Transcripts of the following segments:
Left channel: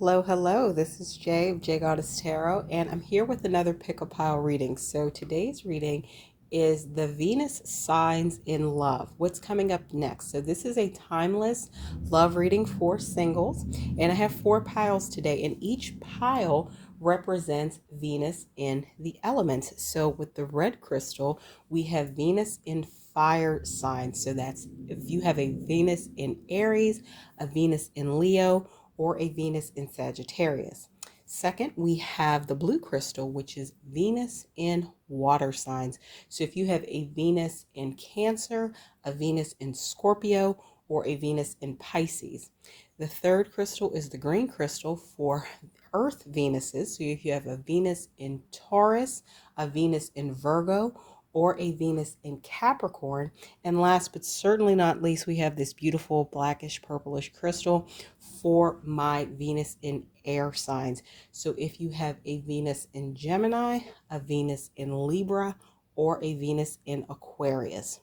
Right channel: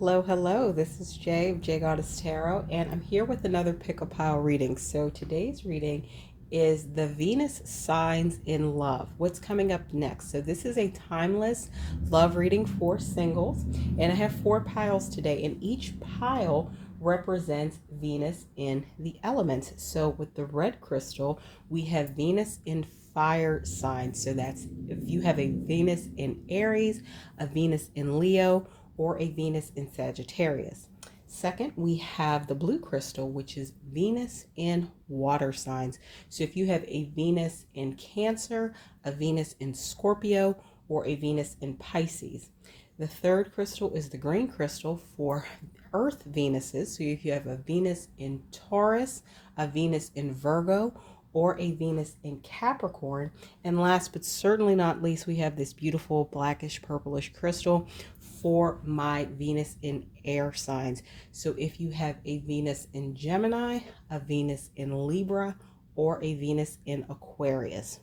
Hello, hello. This is Jay of j.goddess Tarot, and I'm here with another pick a pile reading. So today's reading is the Venus signs in love. What's coming up next? So this is a timeless love reading for singles, and I have 4 piles today, and each pile represents Venus in the element. So with the red crystal, we have Venus in fire signs. So that's if you have a Venus in Aries, a Venus in Leo, or a Venus in Sagittarius. Second, we have the blue crystal, which is Venus in water signs. So if you have a Venus in Cancer, a Venus in Scorpio, or a Venus in Pisces. The third crystal is the green crystal for Earth Venuses. So if you have a Venus in Taurus, a Venus in Virgo, or a Venus in Capricorn. And last but certainly not least, we have this beautiful blackish purplish crystal for my Venus in air signs. So if you have a Venus in Gemini, a Venus in Libra, or a Venus in Aquarius.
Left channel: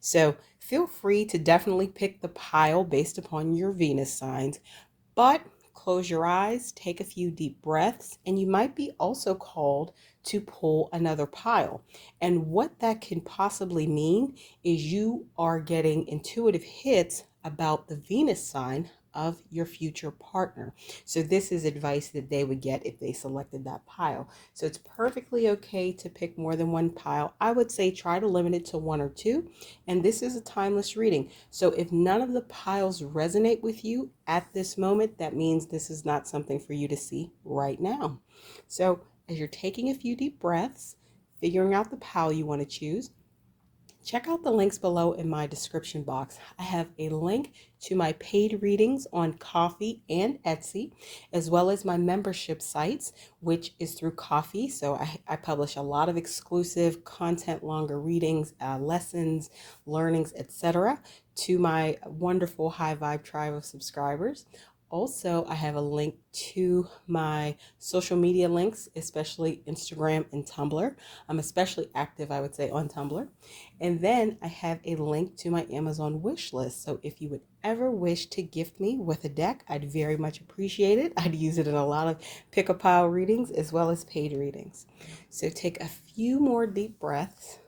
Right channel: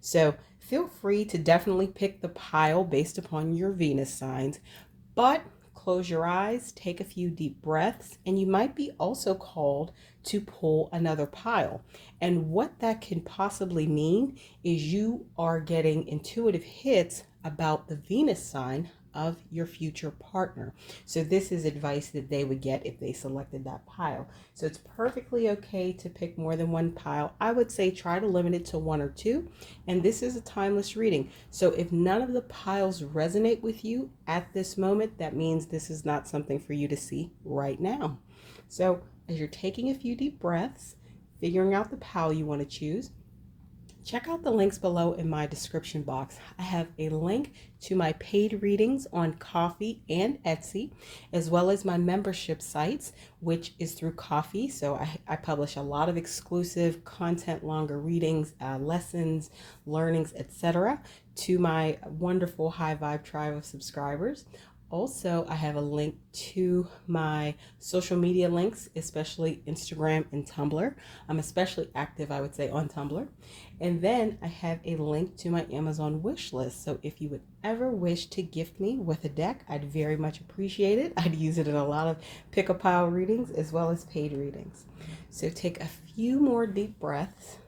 So feel free to definitely pick the pile based upon your Venus signs, but close your eyes, take a few deep breaths, and you might be also called to pull another pile. And what that can possibly mean is you are getting intuitive hits about the Venus sign of your future partner. So this is advice that they would get if they selected that pile. So it's perfectly okay to pick more than one pile. I would say try to limit it to 1 or 2. And this is a timeless reading. So if none of the piles resonate with you at this moment, that means this is not something for you to see right now. So as you're taking a few deep breaths, figuring out the pile you want to choose, check out the links below in my description box. I have a link to my paid readings on Ko-fi and Etsy, as well as my membership sites, which is through Ko-fi. So I publish a lot of exclusive content, longer readings, lessons, learnings, etc. to my wonderful high vibe tribe of subscribers. Also, I have a link to my social media links, especially Instagram and Tumblr. I'm especially active, I would say, on Tumblr. And then I have a link to my Amazon wish list. So if you would ever wish to gift me with a deck, I'd very much appreciate it. I'd use it in a lot of pick a pile readings as well as paid readings. So take a few more deep breaths.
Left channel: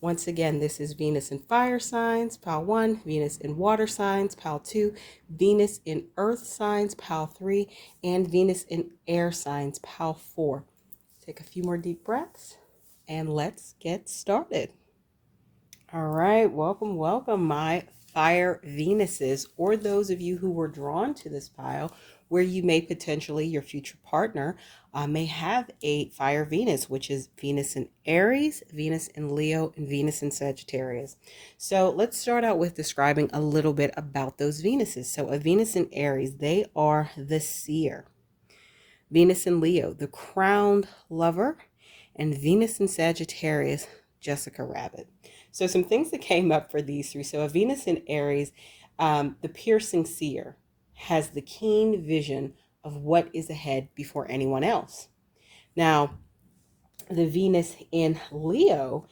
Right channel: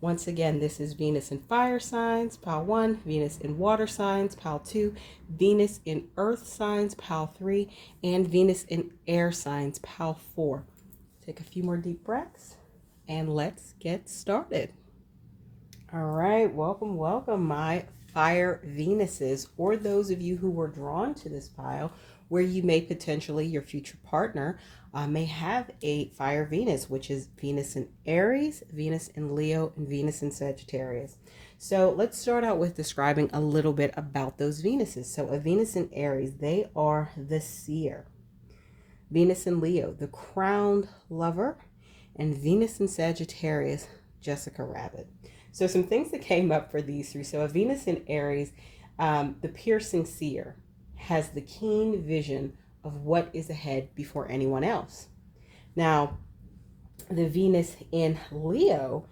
Once again, this is Venus in fire signs, pile 1, Venus in water signs, pile 2, Venus in earth signs, pile 3, and Venus in air signs, pile 4. Take a few more deep breaths and let's get started. All right, welcome, my fire Venuses, or those of you who were drawn to this pile where you may potentially, your future partner, may have a fire Venus, which is Venus in Aries, Venus in Leo, and Venus in Sagittarius. So let's start out with describing a little bit about those Venuses. So a Venus in Aries, they are the seer. Venus in Leo, the crowned lover, and Venus in Sagittarius, Jessica Rabbit. So some things that came up for these 3. So a Venus in Aries, the piercing seer, has the keen vision of what is ahead before anyone else. Now, the Venus in Leo,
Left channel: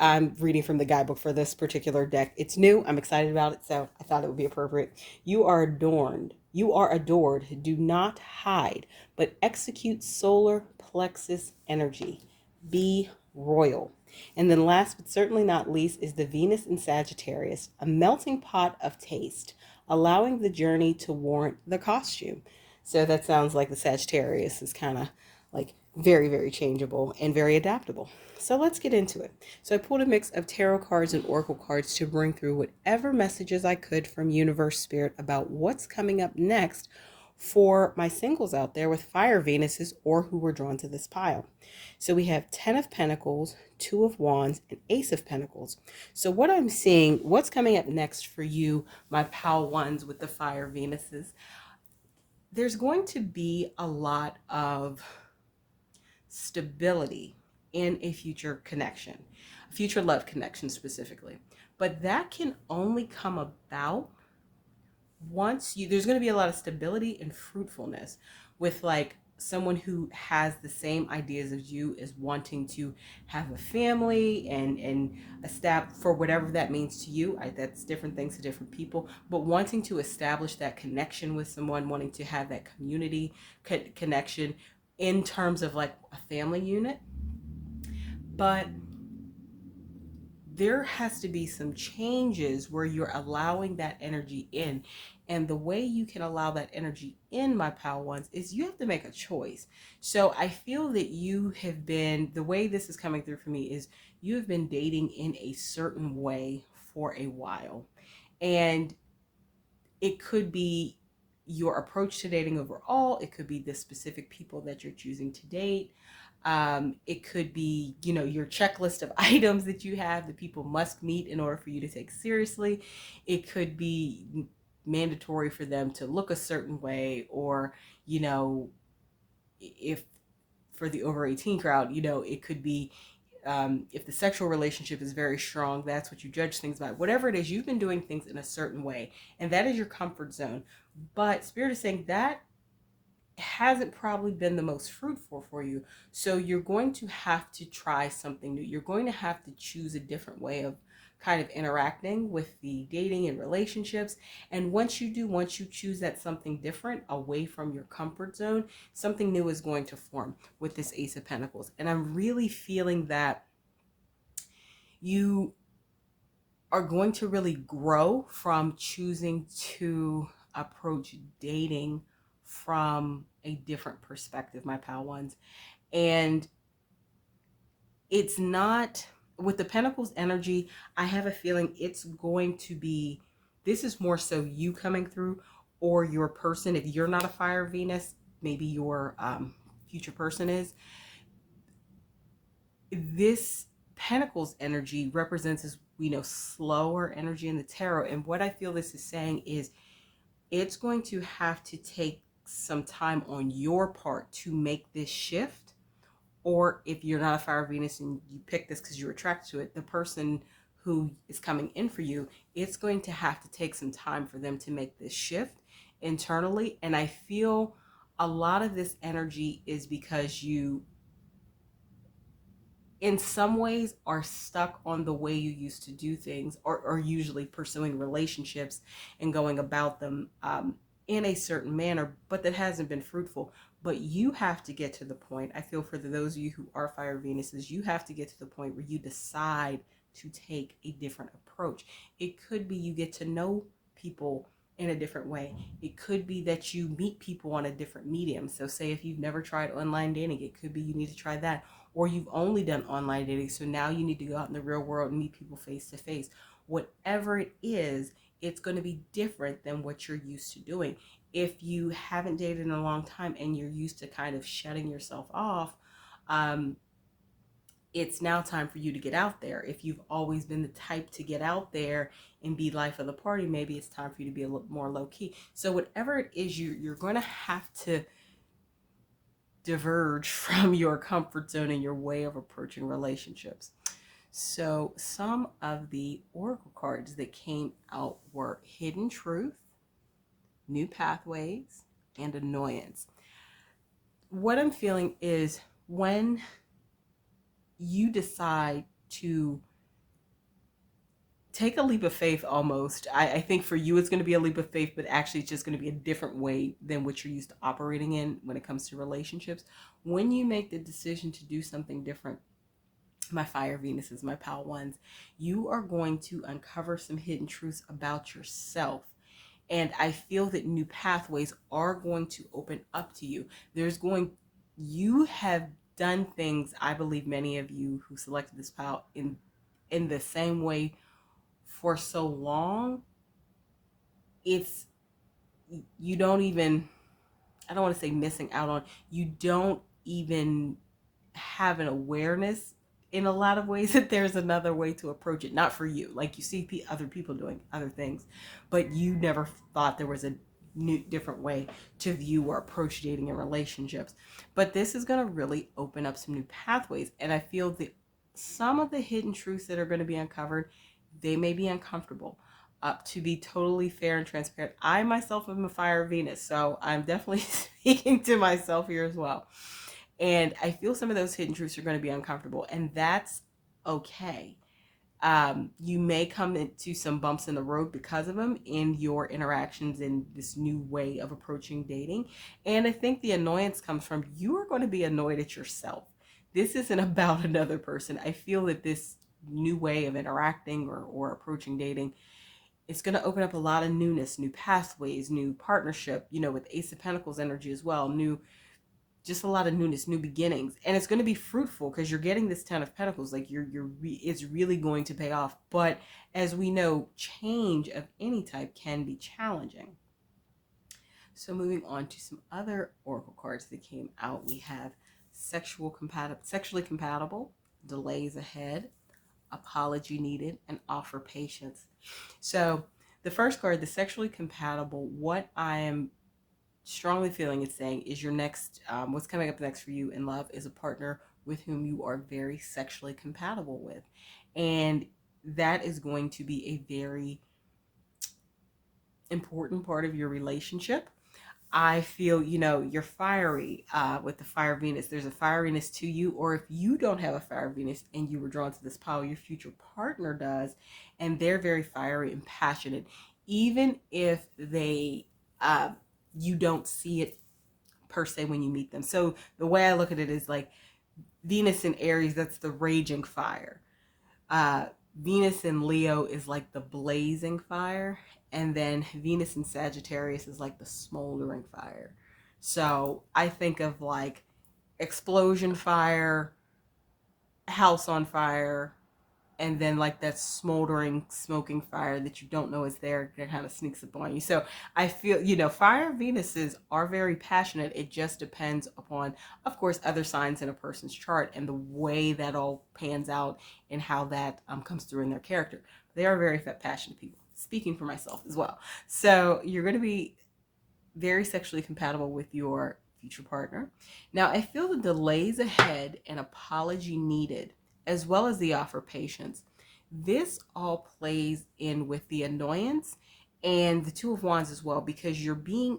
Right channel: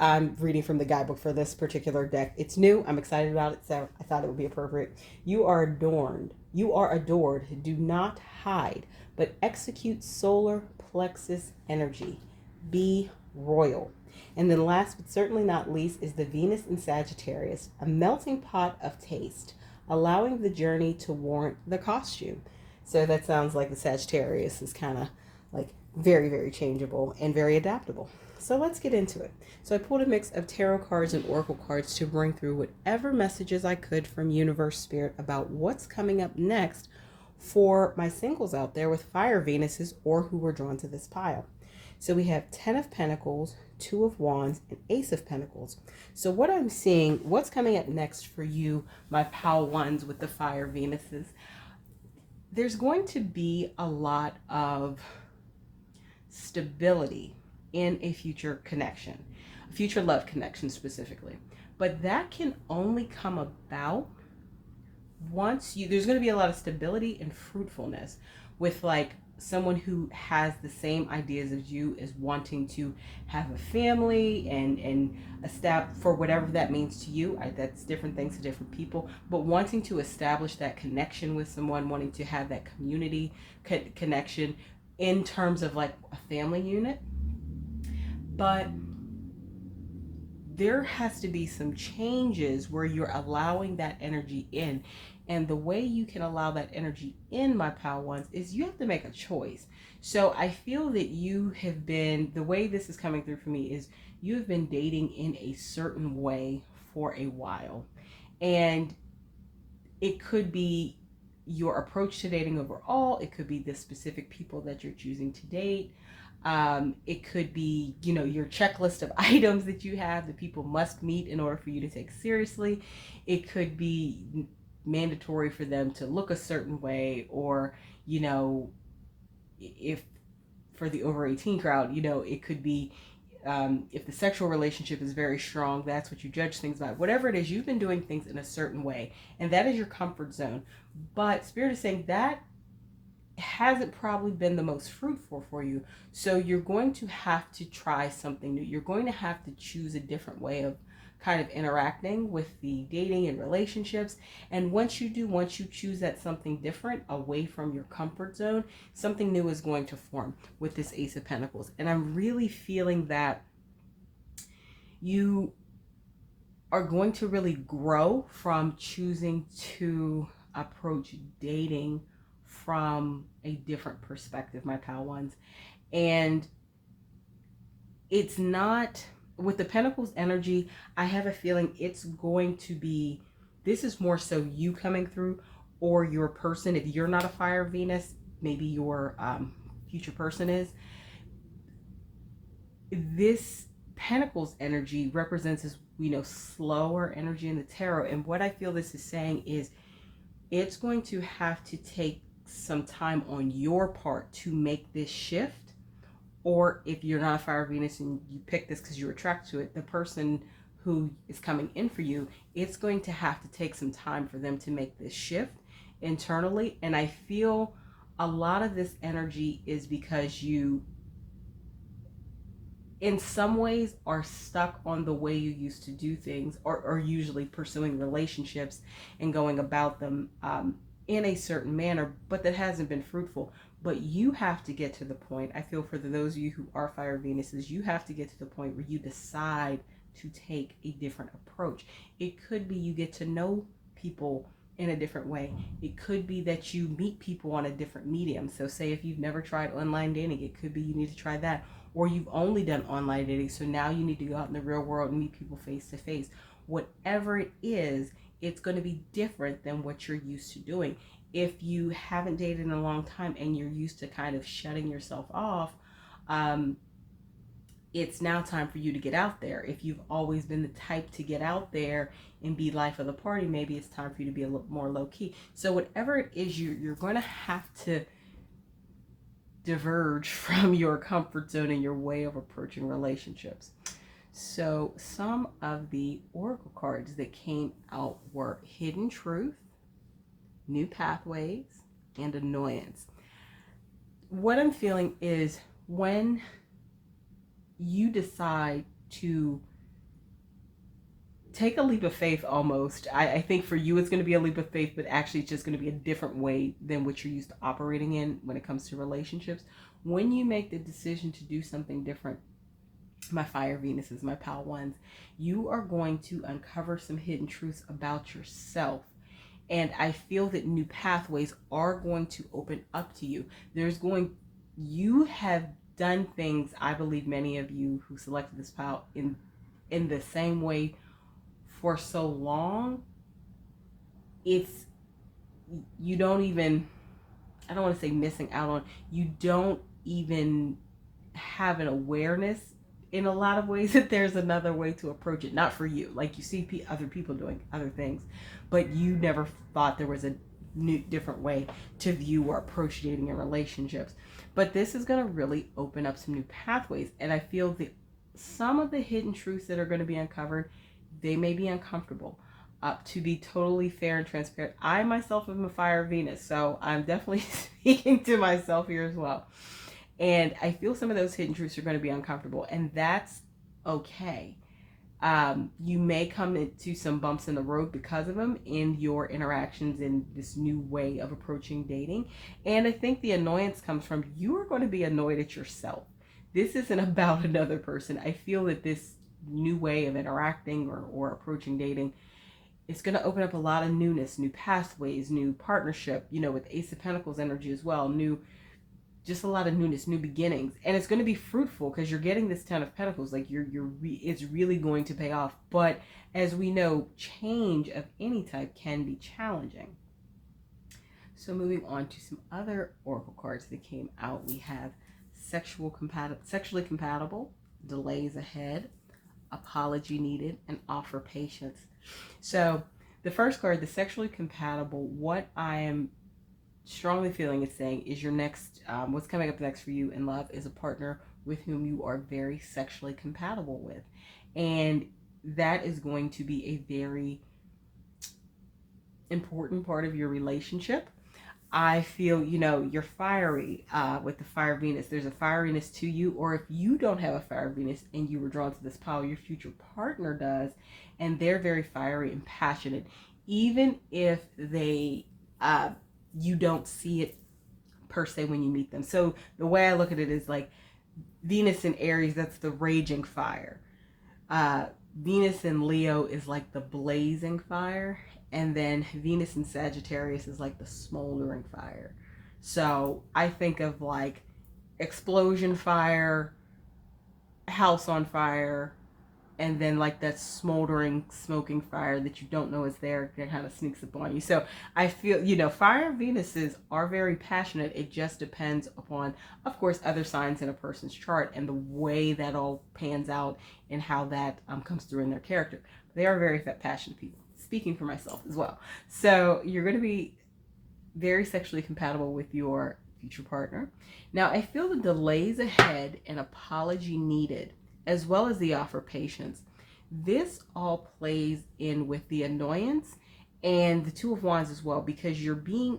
I'm reading from the guidebook for this particular deck. It's new. I'm excited about it, so I thought it would be appropriate. You are adorned. You are adored. Do not hide, but execute solar plexus energy. Be royal. And then last but certainly not least is the Venus in Sagittarius, a melting pot of taste, allowing the journey to warrant the costume. So that sounds like the Sagittarius is kind of like very, very changeable and very adaptable. So let's get into it. So I pulled a mix of tarot cards and oracle cards to bring through whatever messages I could from Universe Spirit about what's coming up next for my singles out there with fire Venuses or who were drawn to this pile. So we have 10 of Pentacles, 2 of Wands, and Ace of Pentacles. So what I'm seeing, what's coming up next for you, my pile ones with the fire Venuses, there's going to be a lot of stability in a future connection, a future love connection specifically. But that can only come about there's going to be a lot of stability and fruitfulness with like someone who has the same ideas as you, is wanting to have a family and establish, for whatever that means to you. That's different things to different people, but wanting to establish that connection with someone, wanting to have that community connection in terms of like a family unit. But there has to be some changes where you're allowing that energy in. And the way you can allow that energy in, my pal ones, is you have to make a choice. So I feel that you have been, the way this is coming through for me is you have been dating in a certain way for a while. And it could be your approach to dating overall. It could be the specific people that you're choosing to date. It could be, you know, your checklist of items that you have that people must meet in order for you to take seriously. It could be mandatory for them to look a certain way, or, you know, if for the over 18 crowd, you know, it could be if the sexual relationship is very strong, that's what you judge things by. Whatever it is, you've been doing things in a certain way, and that is your comfort zone. But Spirit is saying that hasn't probably been the most fruitful for you. So you're going to have to try something new. You're going to have to choose a different way of kind of interacting with the dating and relationships. And once you choose that something different away from your comfort zone, something new is going to form with this Ace of Pentacles. And I'm really feeling that you are going to really grow from choosing to approach dating from a different perspective, my pal ones. And it's not, with the Pentacles energy, I have a feeling it's going to be, this is more so you coming through, or your person. If you're not a fire Venus, maybe your future person is. This Pentacles energy represents, as we know, slower energy in the tarot. And what I feel this is saying is it's going to have to take some time on your part to make this shift. Or if you're not a fire Venus and you pick this because you're attracted to it, the person who is coming in for you, it's going to have to take some time for them to make this shift internally. And I feel a lot of this energy is because you, in some ways, are stuck on the way you used to do things, or usually pursuing relationships and going about them in a certain manner, but that hasn't been fruitful. But you have to get to the point, I feel, for those of you who are fire Venuses, you have to get to the point where you decide to take a different approach. It could be you get to know people in a different way. It could be that you meet people on a different medium. So say if you've never tried online dating, it could be you need to try that. Or you've only done online dating, so now you need to go out in the real world and meet people face to face. Whatever it is, it's going to be different than what you're used to doing. If you haven't dated in a long time and you're used to kind of shutting yourself off, it's now time for you to get out there. If you've always been the type to get out there and be life of the party, maybe it's time for you to be a little more low key. So whatever it is, you're going to have to diverge from your comfort zone and your way of approaching relationships. So some of the oracle cards that came out were Hidden Truth, New Pathways, and Annoyance. What I'm feeling is when you decide to take a leap of faith, almost, I think for you it's going to be a leap of faith, but actually it's just going to be a different way than what you're used to operating in when it comes to relationships. When you make the decision to do something different, my fire Venuses, my pal ones, you are going to uncover some hidden truths about yourself. And I feel that new pathways are going to open up to you. You have done things, I believe many of you who selected this pal, in the same way for so long. You don't even, I don't want to say missing out on, you don't even have an awareness in a lot of ways that there's another way to approach it. Not for you, like you see other people doing other things, but you never thought there was a new, different way to view or approach dating and relationships. But this is going to really open up some new pathways. And I feel that some of the hidden truths that are going to be uncovered, they may be uncomfortable, To be totally fair and transparent, I myself am a fire Venus, so I'm definitely speaking to myself here as well. And I feel some of those hidden truths are going to be uncomfortable, and that's okay. You may come into some bumps in the road because of them in your interactions in this new way of approaching dating. And I think the annoyance comes from you are going to be annoyed at yourself. This isn't about another person. I feel that this new way of interacting or approaching dating, it's going to open up a lot of newness, new pathways, new partnership, with Ace of Pentacles energy as well, just a lot of newness, new beginnings, and it's going to be fruitful because you're getting this Ten of Pentacles. Like it's really going to pay off. But as we know, change of any type can be challenging. So moving on to some other oracle cards that came out, we have sexually compatible, delays ahead, apology needed, and offer patience. So the first card, the sexually compatible, what I am strongly feeling it's saying is your next, what's coming up next for you in love is a partner with whom you are very sexually compatible with. And that is going to be a very important part of your relationship. I feel, you're fiery with the fire Venus. There's a fieriness to you, or if you don't have a fire Venus and you were drawn to this pile, your future partner does, and they're very fiery and passionate, even if they you don't see it per se when you meet them. So the way I look at it is like Venus in Aries, that's the raging fire. Venus in Leo is like the blazing fire. And then Venus in Sagittarius is like the smoldering fire. So I think of like explosion fire, house on fire, and then like that smoldering, smoking fire that you don't know is there that kind of sneaks up on you. So I feel, fire Venuses are very passionate. It just depends upon, of course, other signs in a person's chart and the way that all pans out and how that comes through in their character. They are very passionate people, speaking for myself as well. So you're going to be very sexually compatible with your future partner. Now, I feel the delays ahead and apology needed, as well as the offer patience. This all plays in with the annoyance and the Two of Wands as well, because you're being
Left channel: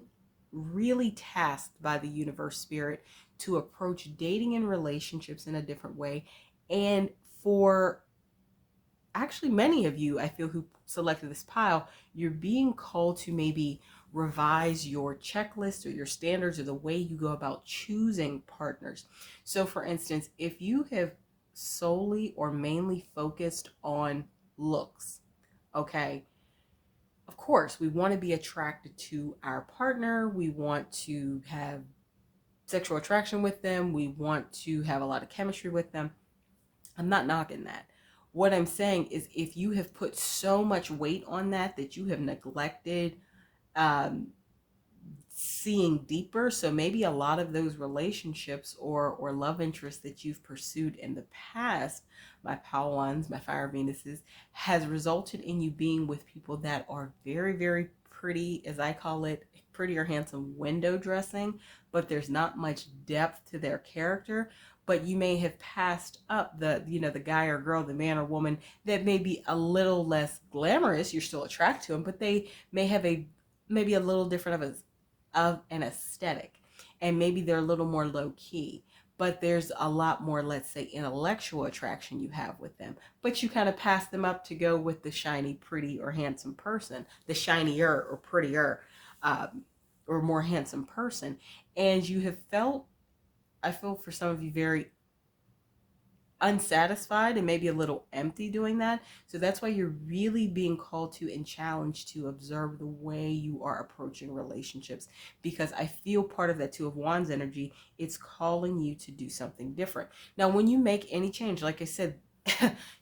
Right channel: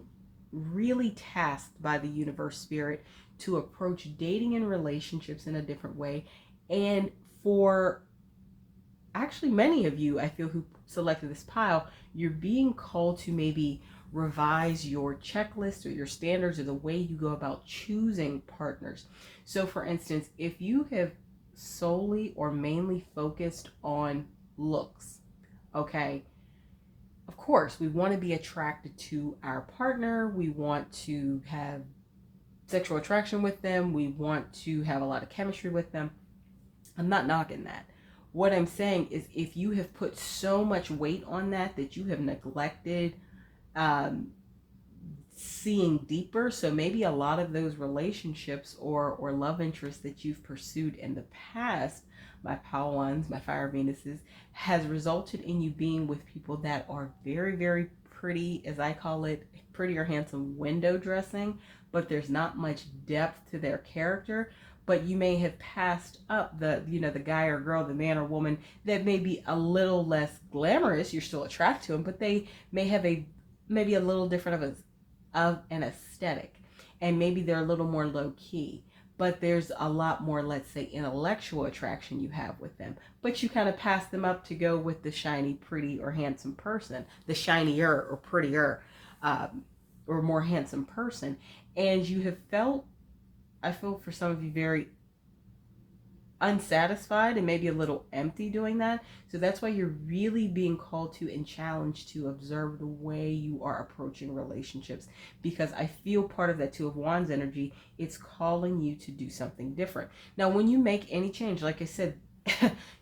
really tasked by the universe spirit to approach dating and relationships in a different way. And for actually many of you, I feel, who selected this pile, you're being called to maybe revise your checklist or your standards or the way you go about choosing partners. So for instance, if you have solely or mainly focused on looks, okay, of course we want to be attracted to our partner, we want to have sexual attraction with them, we want to have a lot of chemistry with them. I'm not knocking that. What I'm saying is if you have put so much weight on that you have neglected seeing deeper. So maybe a lot of those relationships or love interests that you've pursued in the past, my Power Ones, my Fire Venuses, has resulted in you being with people that are very, very pretty, as I call it, pretty or handsome window dressing, but there's not much depth to their character. But you may have passed up the guy or girl, the man or woman that may be a little less glamorous. You're still attracted to them, but they may have maybe a little different of an aesthetic, and maybe they're a little more low key, but there's a lot more, let's say, intellectual attraction you have with them, but you kind of pass them up to go with the shiny, pretty, or handsome person, the shinier or prettier or more handsome person. And you have felt, I feel for some of you, very unsatisfied and maybe a little empty doing that. So that's why you're really being called to and challenged to observe the way you are approaching relationships, because I feel part of that Two of Wands energy, it's calling you to do something different. Now, when you make any change, like I said,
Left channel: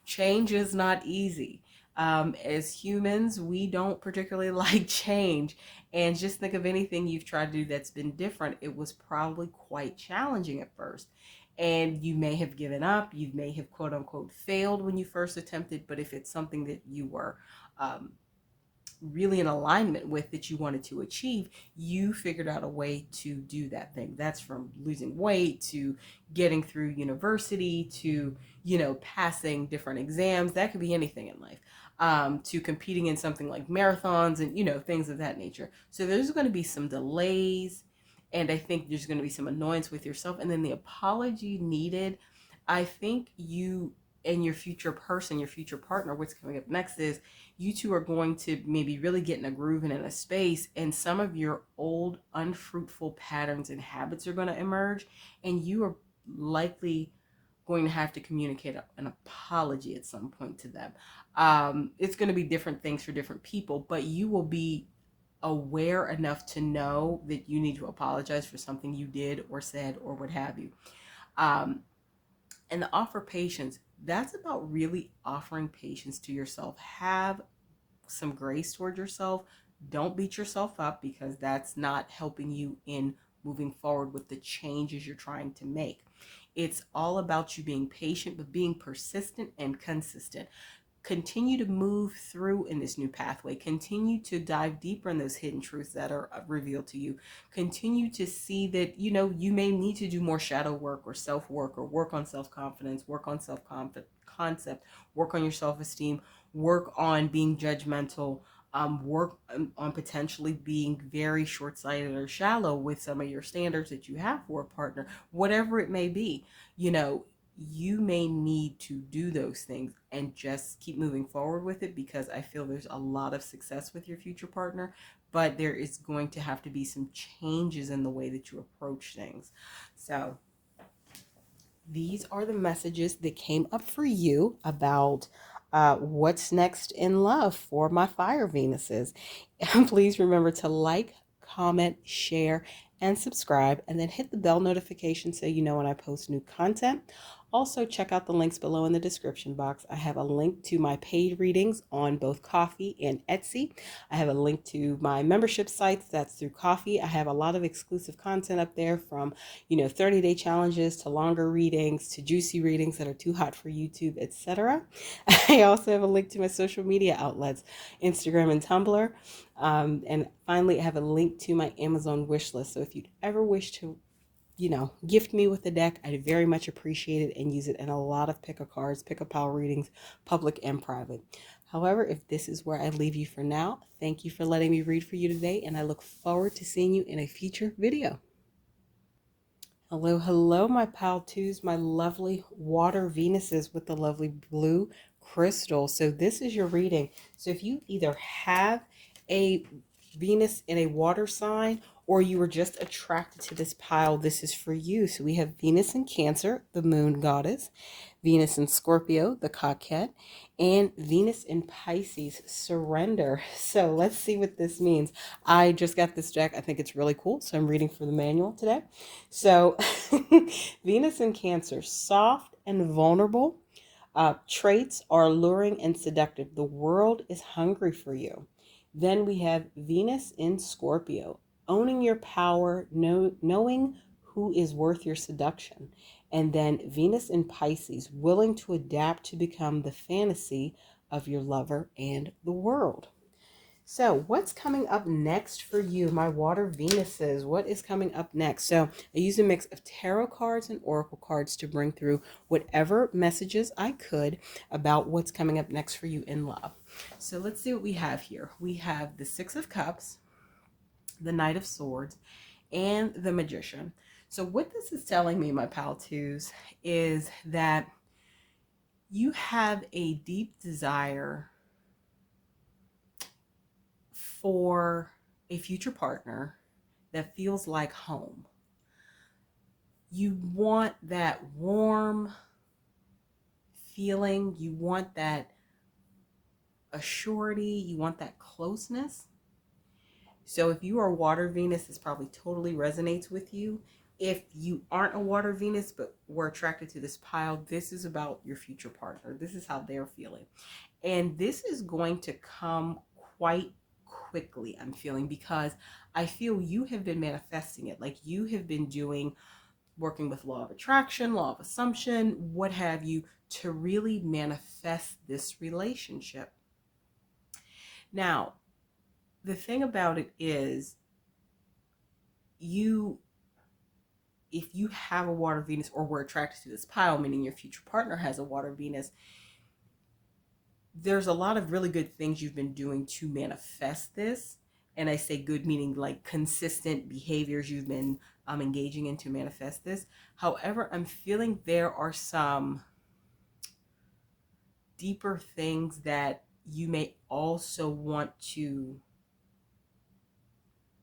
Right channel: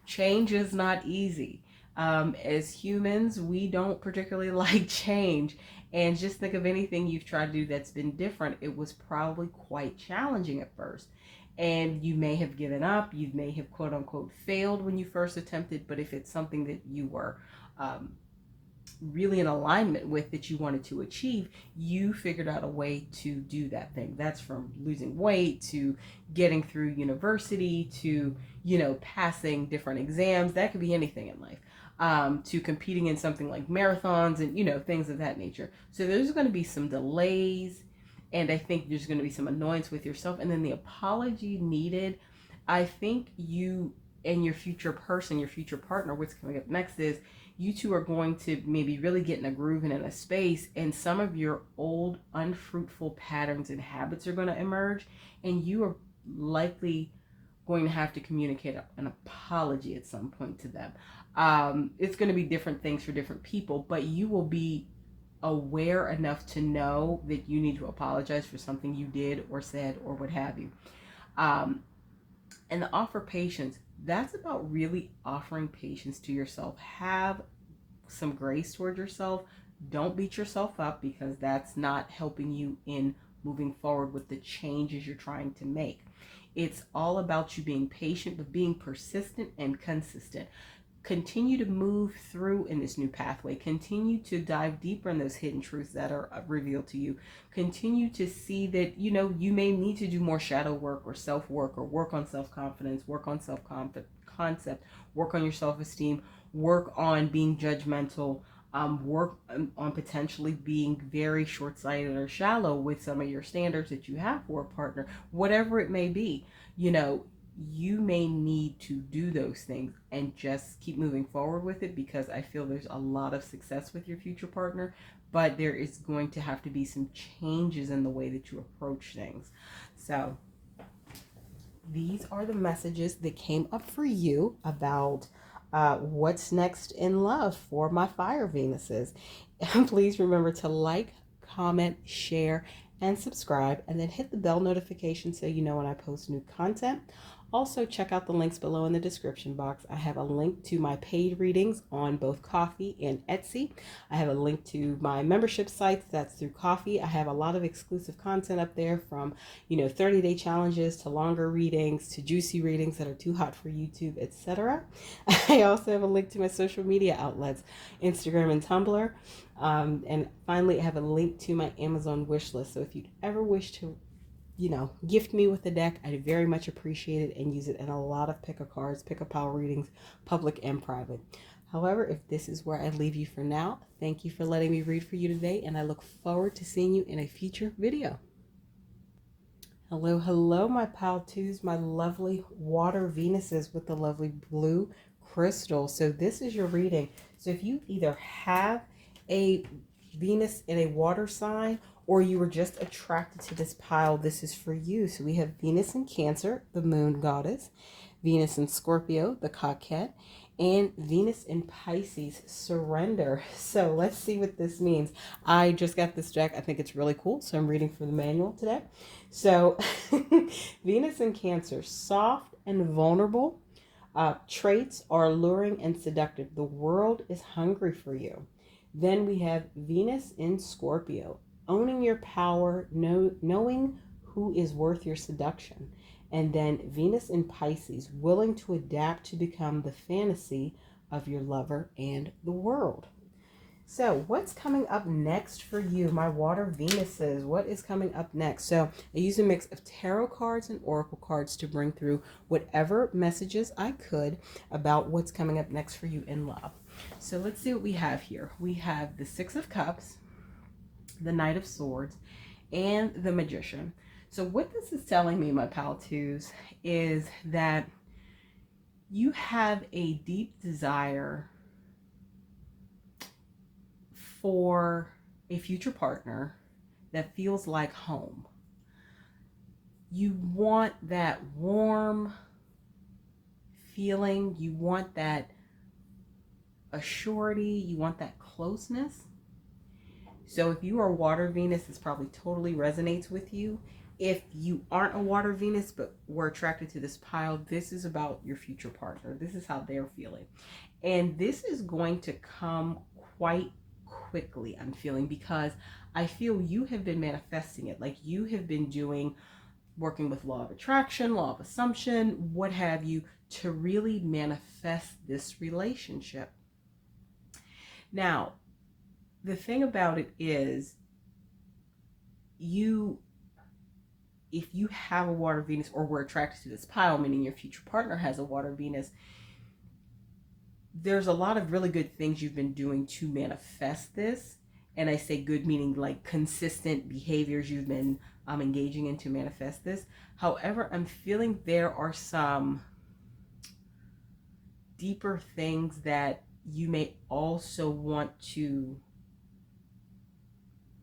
change is not easy. As humans, we don't particularly like change. And just think of anything you've tried to do that's been different. It was probably quite challenging at first. And you may have given up, you may have quote unquote failed when you first attempted, but if it's something that you were really in alignment with, that you wanted to achieve, you figured out a way to do that thing. That's from losing weight to getting through university to, passing different exams. That could be anything in life. to competing in something like marathons and, things of that nature. So there's going to be some delays, and I think there's going to be some annoyance with yourself. And then the apology needed, I think you and your future person, your future partner, what's coming up next is you two are going to maybe really get in a groove and in a space, and some of your old unfruitful patterns and habits are going to emerge, and you are likely going to have to communicate an apology at some point to them. It's going to be different things for different people, but you will be aware enough to know that you need to apologize for something you did or said or what have you. Um, and the offer patience, that's about really offering patience to yourself. Have some grace toward yourself. Don't beat yourself up, because that's not helping you in moving forward with the changes you're trying to make. It's all about you being patient, but being persistent and consistent. Continue to move through in this new pathway. Continue to dive deeper in those hidden truths that are revealed to you. Continue to see that, you may need to do more shadow work or self work, or work on self confidence, work on self concept, work on your self esteem, work on being judgmental, work on potentially being very short sighted or shallow with some of your standards that you have for a partner, whatever it may be. You may need to do those things and just keep moving forward with it, because I feel there's a lot of success with your future partner, but there is going to have to be some changes in the way that you approach things. So these are the messages that came up for you about what's next in love for my fire Venuses. And please remember to like, comment, share, and subscribe, and then hit the bell notification so you know when I post new content. Also, check out the links below in the description box. I have a link to my paid readings on both Ko-fi and Etsy. I have a link to my membership sites. That's through Ko-fi. I have a lot of exclusive content up there, from 30-day challenges to longer readings to juicy readings that are too hot for YouTube, etc. I also have a link to my social media outlets, Instagram and Tumblr. And finally, I have a link to my Amazon wish list. So if you'd ever wish to gift me with a deck, I'd very much appreciate it, and use it in a lot of pick-a-cards, pick-a-pile readings, public and private. However, if this is where I leave you for now, thank you for letting me read for you today, and I look forward to seeing you in a future video. Hello, hello, my pal twos, my lovely water Venuses with the lovely blue crystal. So this is your reading. So if you either have a Venus in a water sign, or you were just attracted to this pile, this is for you. So we have Venus in Cancer, the moon goddess, Venus in Scorpio, the coquette, and Venus in Pisces, surrender. So let's see what this means. I just got this deck. I think it's really cool, so I'm reading from the manual today. So Venus in Cancer, soft and vulnerable. Traits are alluring and seductive. The world is hungry for you. Then we have Venus in Scorpio, owning your power, knowing who is worth your seduction. And then Venus in Pisces, willing to adapt to become the fantasy of your lover and the world. So what's coming up next for you, my water Venuses? What is coming up next? So I use a mix of tarot cards and oracle cards to bring through whatever messages I could about what's coming up next for you in love. So let's see what we have here. We have the Six of Cups, the Knight of Swords, and the Magician. So what this is telling me, my pal twos, is that you have a deep desire for a future partner that feels like home. You want that warm feeling. You want that assurity. You want that closeness. So if you are water Venus, this probably totally resonates with you. If you aren't a water Venus but were attracted to this pile, this is about your future partner. This is how they're feeling. And this is going to come quite quickly, I'm feeling, because I feel you have been manifesting it. Like you have been working with law of attraction, law of assumption, what have you, to really manifest this relationship. Now, the thing about it is, if you have a water Venus or were attracted to this pile, meaning your future partner has a water Venus, there's a lot of really good things you've been doing to manifest this. And I say good meaning like consistent behaviors you've been engaging in to manifest this. However, I'm feeling there are some deeper things that you may also want to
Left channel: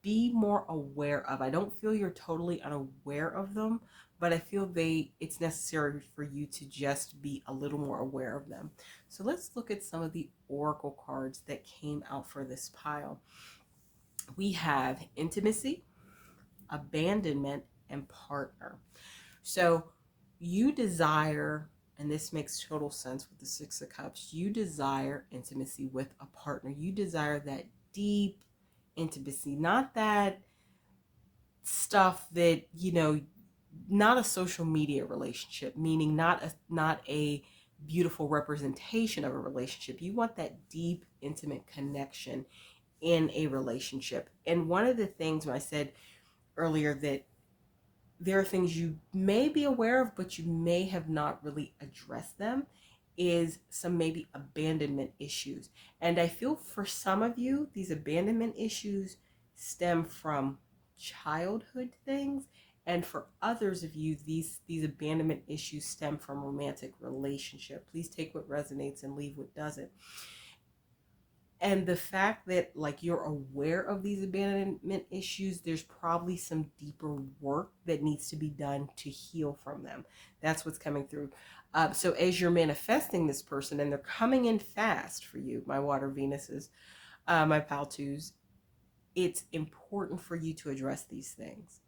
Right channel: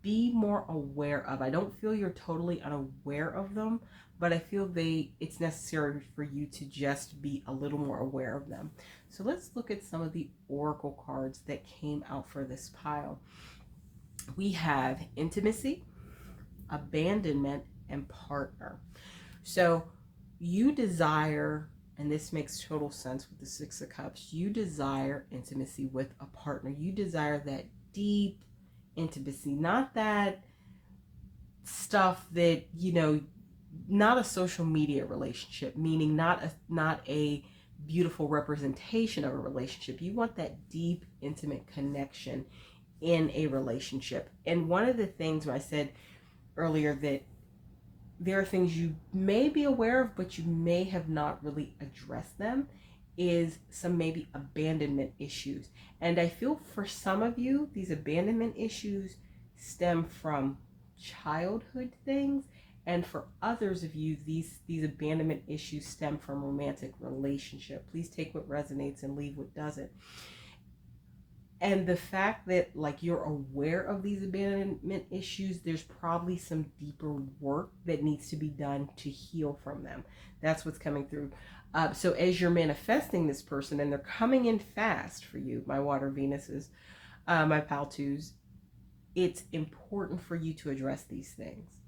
be more aware of. I don't feel you're totally unaware of them, but I feel it's necessary for you to just be a little more aware of them. So let's look at some of the oracle cards that came out for this pile. We have intimacy, abandonment, and partner. So you desire, and this makes total sense with the Six of Cups, you desire intimacy with a partner. You desire that deep intimacy, not that stuff that, not a social media relationship, meaning not a beautiful representation of a relationship. You want that deep, intimate connection in a relationship. And one of the things when I said earlier that there are things you may be aware of, but you may have not really addressed them, is some maybe abandonment issues. And I feel for some of you, these abandonment issues stem from childhood things. And for others of you, these abandonment issues stem from romantic relationship. Please take what resonates and leave what doesn't. And the fact that like you're aware of these abandonment issues, there's probably some deeper work that needs to be done to heal from them. That's what's coming through. So as you're manifesting this person and they're coming in fast for you, my water Venuses, my pal twos, it's important for you to address these things,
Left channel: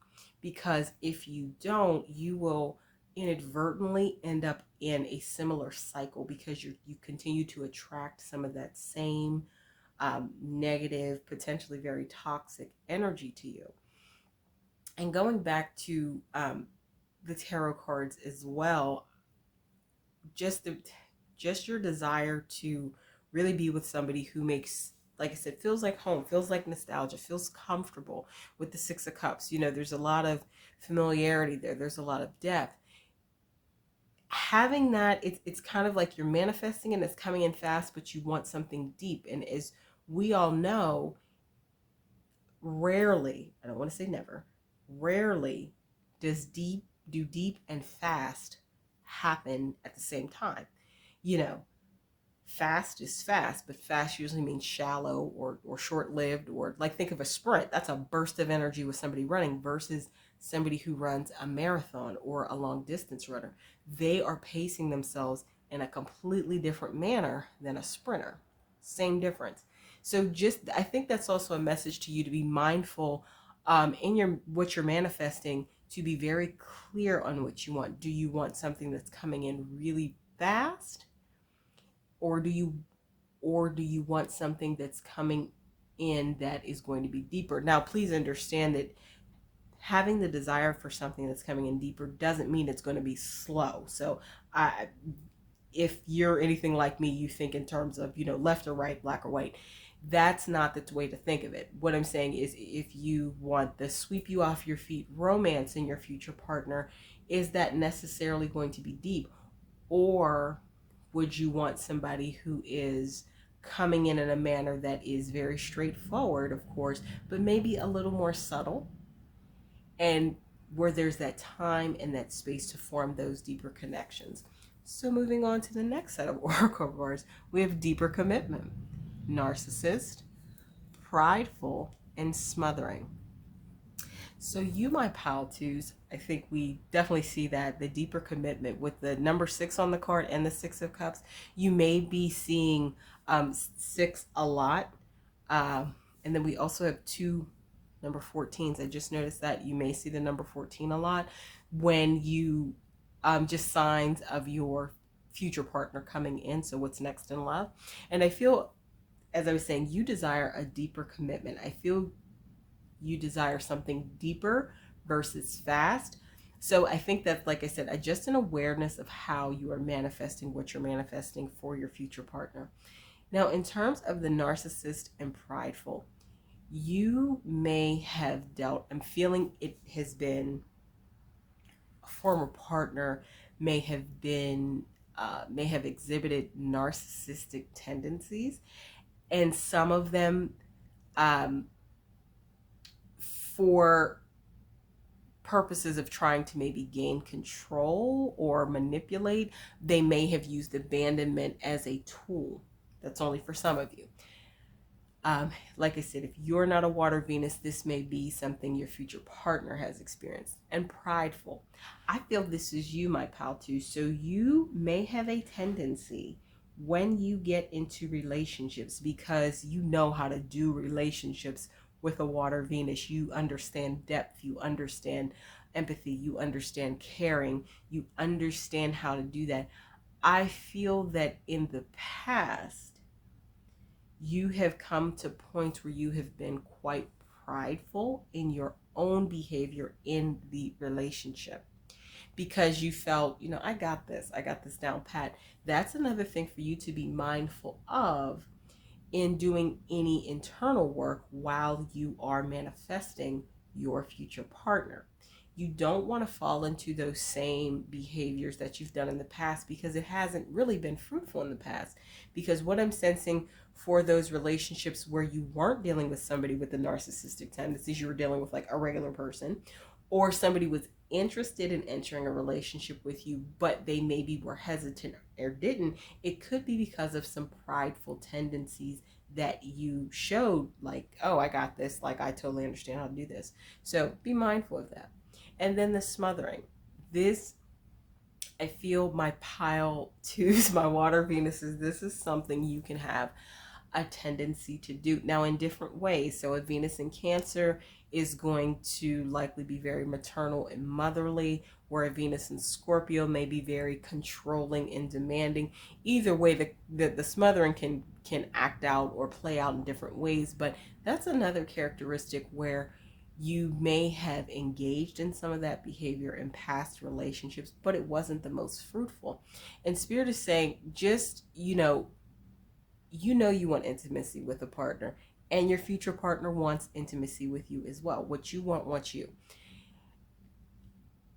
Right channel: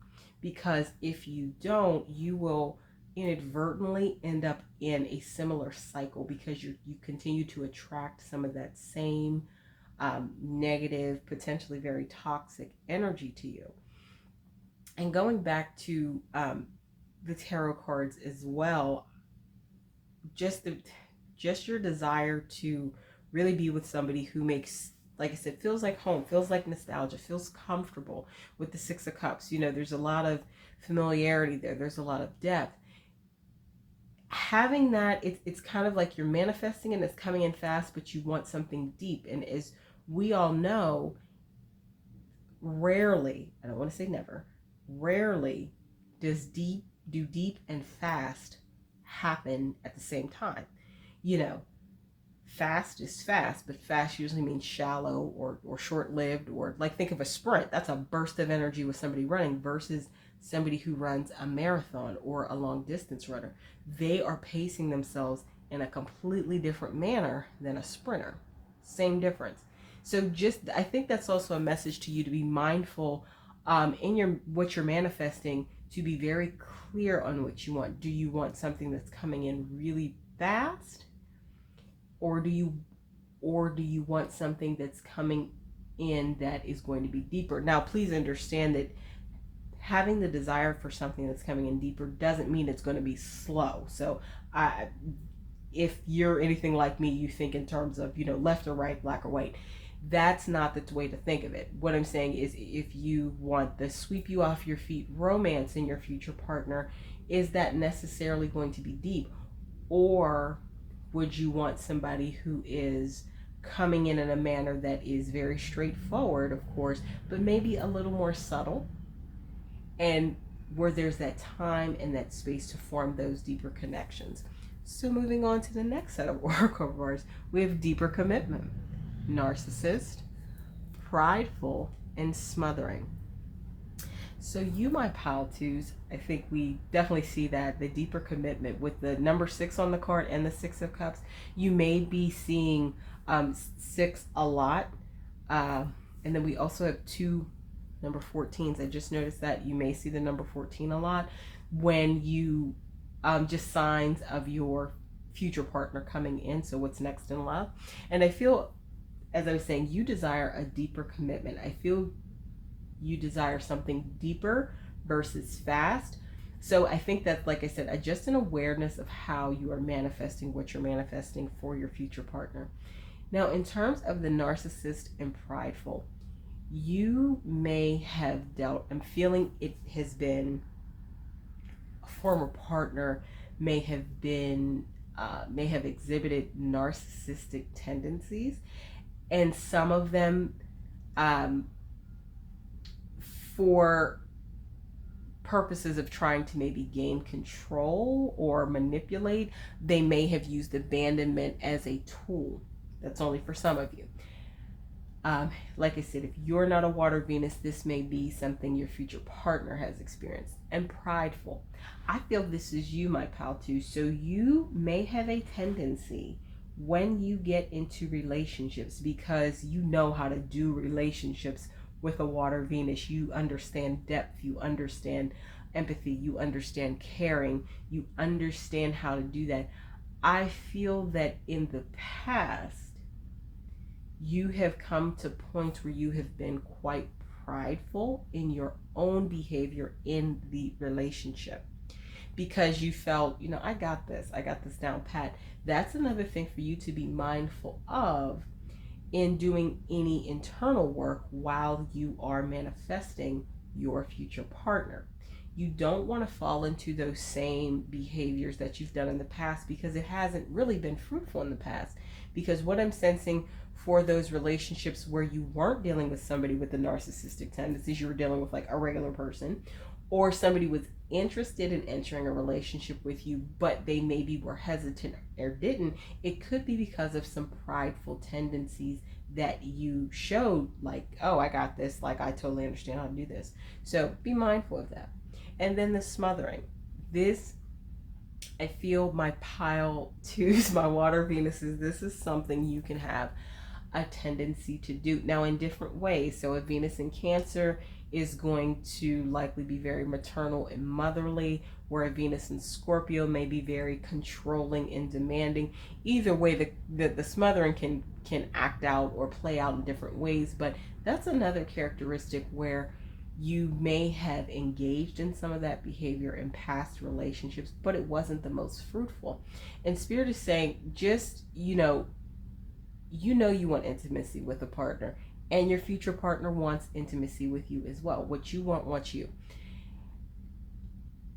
because if you don't, you will inadvertently end up in a similar cycle, because you continue to attract some of that same negative, potentially very toxic energy to you. And going back to the tarot cards as well, just your desire to really be with somebody who makes, like I said, feels like home, feels like nostalgia, feels comfortable. With the Six of Cups, there's a lot of familiarity there. There's a lot of depth. Having that, it's kind of like you're manifesting and it's coming in fast, but you want something deep. And as we all know, rarely, I don't want to say never, rarely does deep and fast happen at the same time. Fast is fast, but fast usually means shallow or short-lived, or like think of a sprint. That's a burst of energy with somebody running versus somebody who runs a marathon or a long distance runner. They are pacing themselves in a completely different manner than a sprinter. Same difference. So I think that's also a message to you to be mindful in what you're manifesting, to be very clear on what you want. Do you want something that's coming in really fast? Or do you want something that's coming in that is going to be deeper? Now, please understand that having the desire for something that's coming in deeper doesn't mean it's going to be slow. So if you're anything like me, you think in terms of, left or right, black or white. That's not the way to think of it. What I'm saying is, if you want the sweep you off your feet romance in your future partner, is that necessarily going to be deep? Or would you want somebody who is coming in a manner that is very straightforward, of course, but maybe a little more subtle, and where there's that time and that space to form those deeper connections? So moving on to the next set of oracle cards, we have deeper commitment, narcissist, prideful, and smothering. So you, my pal twos, I think we definitely see that the deeper commitment with the number 6 on the card and the Six of Cups. You may be seeing 6 a lot. And then we also have 2 number 14s. I just noticed that you may see the number 14 a lot when you just signs of your future partner coming in. So what's next in love? And I feel, as I was saying, you desire a deeper commitment. I feel you desire something deeper versus fast. So I think that, like I said, just an awareness of how you are manifesting what you're manifesting for your future partner. Now, in terms of the narcissist and prideful, you may have dealt, I'm feeling it has been, a former partner may have been may have exhibited narcissistic tendencies, and some of them, for purposes of trying to maybe gain control or manipulate, they may have used abandonment as a tool. That's only for some of you. Like I said, if you're not a water Venus, this may be something your future partner has experienced. And prideful. I feel this is you, my pal, too. So you may have a tendency when you get into relationships, because you know how to do relationships with a water Venus. You understand depth, you understand empathy, you understand caring, you understand how to do that. I feel that in the past, you have come to points where you have been quite prideful in your own behavior in the relationship, because you felt, I got this down pat. That's another thing for you to be mindful of in doing any internal work while you are manifesting your future partner. You don't want to fall into those same behaviors that you've done in the past, because it hasn't really been fruitful in the past. Because what I'm sensing for those relationships where you weren't dealing with somebody with the narcissistic tendencies, you were dealing with like a regular person, or somebody was interested in entering a relationship with you, but they maybe were hesitant or didn't, it could be because of some prideful tendencies that you showed, like, oh, I got this, like, I totally understand how to do this. So be mindful of that. And then the smothering. This, I feel, my pile twos, my water Venuses, this is something you can have a tendency to do now in different ways. So a Venus in Cancer is going to likely be very maternal and motherly, where a Venus in Scorpio may be very controlling and demanding. Either way, the smothering can act out or play out in different ways, but that's another characteristic where you may have engaged in some of that behavior in past relationships, but it wasn't the most fruitful. And Spirit is saying, just, you want intimacy with a partner, and your future partner wants intimacy with you as well. What you want wants you.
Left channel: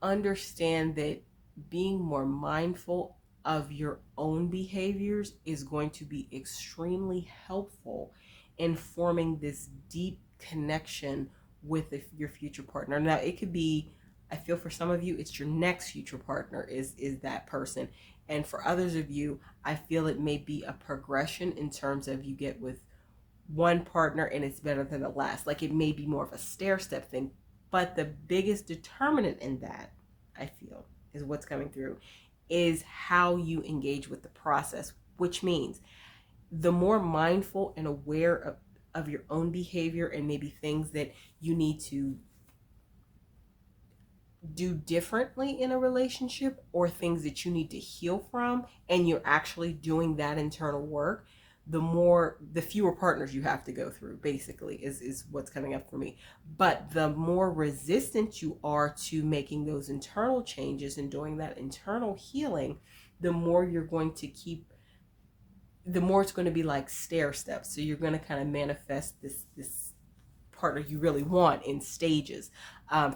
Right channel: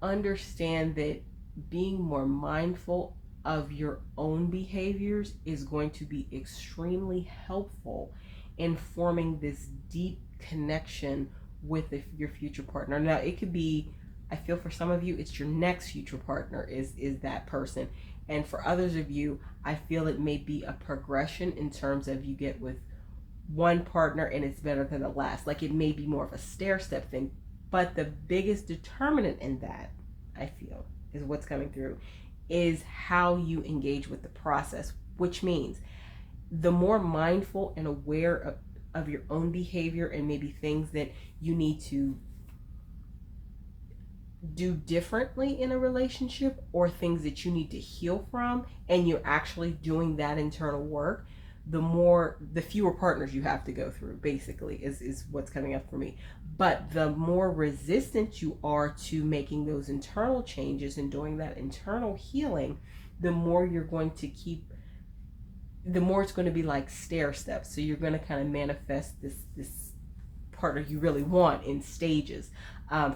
Understand that being more mindful of your own behaviors is going to be extremely helpful in forming this deep connection with your future partner. Now, it could be, I feel for some of you, it's your next future partner is that person. And for others of you, I feel it may be a progression in terms of you get with one partner and it's better than the last. Like, it may be more of a stair-step thing. But the biggest determinant in that, I feel, is what's coming through, is how you engage with the process, which means the more mindful and aware of your own behavior and maybe things that you need to do differently in a relationship, or things that you need to heal from, and you're actually doing that internal work, the fewer partners you have to go through, basically, is what's coming up for me. But the more resistant you are to making those internal changes and doing that internal healing, the more you're going to the more it's going to be like stair steps. So you're going to kind of manifest this partner you really want in stages,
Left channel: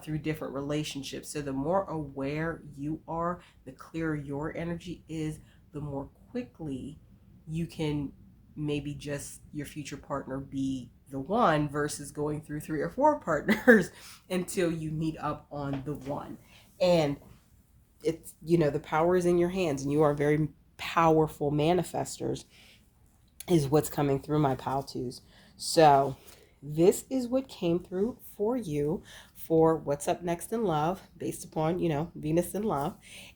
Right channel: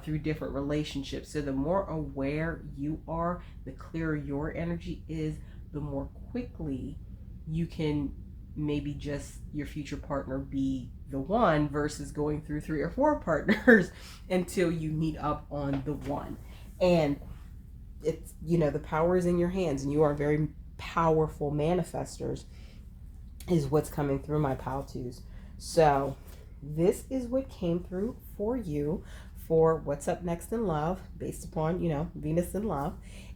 through different relationships. So the more aware you are, the clearer your energy is, the more quickly you can maybe just your future partner be the one, versus going through 3 or 4 partners until you meet up on the one. And it's, the power is in your hands, and you are very powerful manifestors, is what's coming through, my pal twos. So this is what came through for you for what's up next in love, based upon, Venus in love.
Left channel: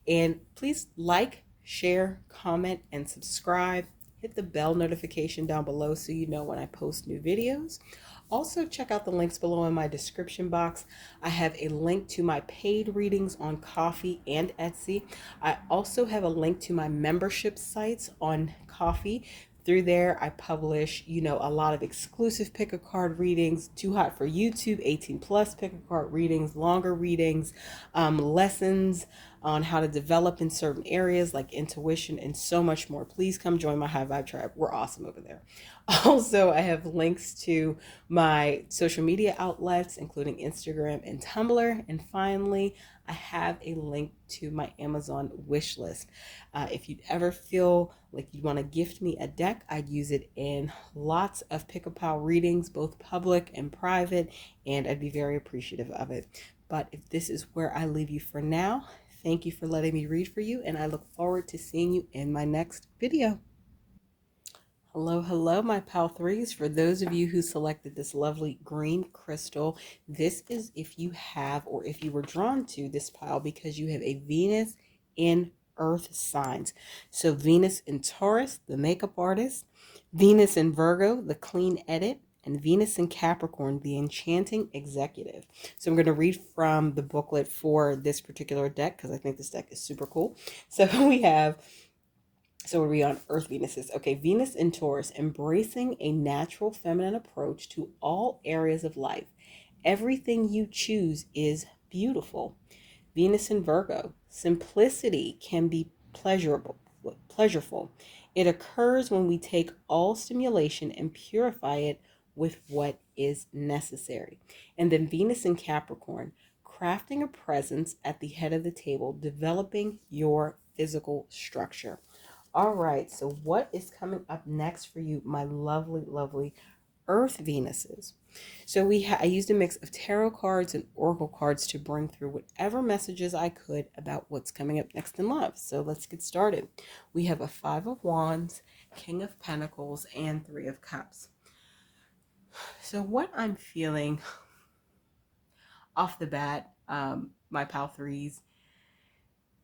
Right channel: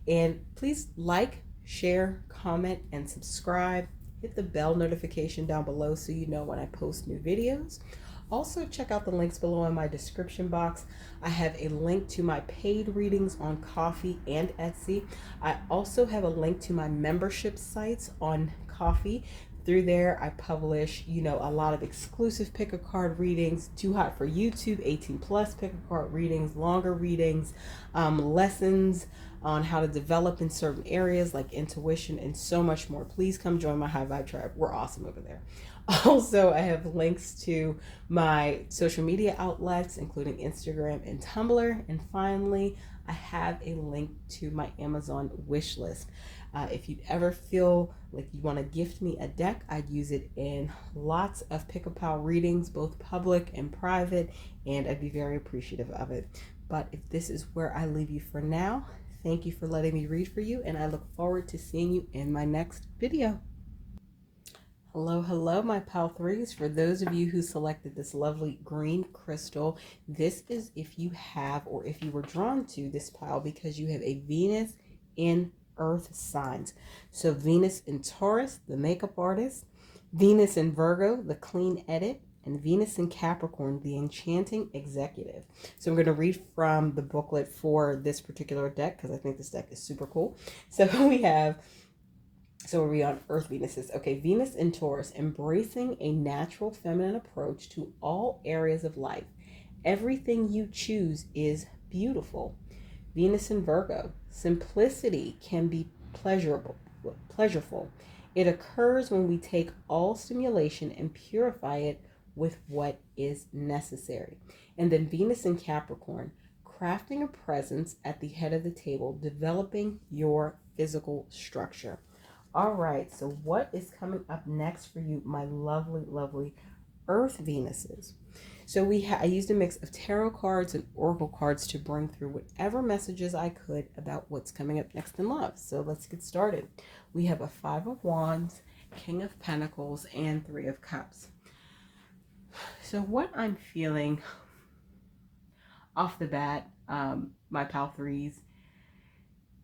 And please like, share, comment, and subscribe. Hit the bell notification down below so you know when I post new videos. Also, check out the links below in my description box. I have a link to my paid readings on Ko-fi and Etsy. I also have a link to my membership sites on Ko-fi. Through there, I publish, a lot of exclusive pick-a-card readings, Too Hot for YouTube, 18+ pick-a-card readings, longer readings, lessons on how to develop in certain areas like intuition, and so much more. Please come join my High Vibe Tribe. We're awesome over there. Also, I have links to my social media outlets, including Instagram and Tumblr. And finally, I have a link to my Amazon wish list. If you'd ever feel like you want to gift me a deck, I'd use it in lots of Pick a Pal readings, both public and private, and I'd be very appreciative of it. But if this is where I leave you for now, thank you for letting me read for you, and I look forward to seeing you in my next video. Hello, hello, my pal threes. For those of you who selected this lovely green crystal, this is if you have or if you were drawn to this pile because you have a Venus in earth signs. So Venus in Taurus, the makeup artist, Venus in Virgo, the clean edit, and Venus in Capricorn, the enchanting executive. So I'm going to read from the booklet for this particular deck because I think this deck is super cool. So we have, so are we on Earth Venuses? Okay, Venus in Taurus, embracing a natural feminine approach to all areas of life. Everything you choose is beautiful. Venus in Virgo, simplicity can be pleasureful. It occurs when we take all stimulation and purify it with what is necessary. And then Venus in Capricorn, crafting a presence at the head of the table, developing your physical structure. All right, so what is coming up next for you, my lovely, lovely Earth Venuses? So I used a mix of tarot cards and oracle cards to bring through whatever messages I could about what's coming up next in love. So let's get started. We have a Five of Wands, King of Pentacles, and Three of Cups. So what I'm feeling off the bat, my pal threes,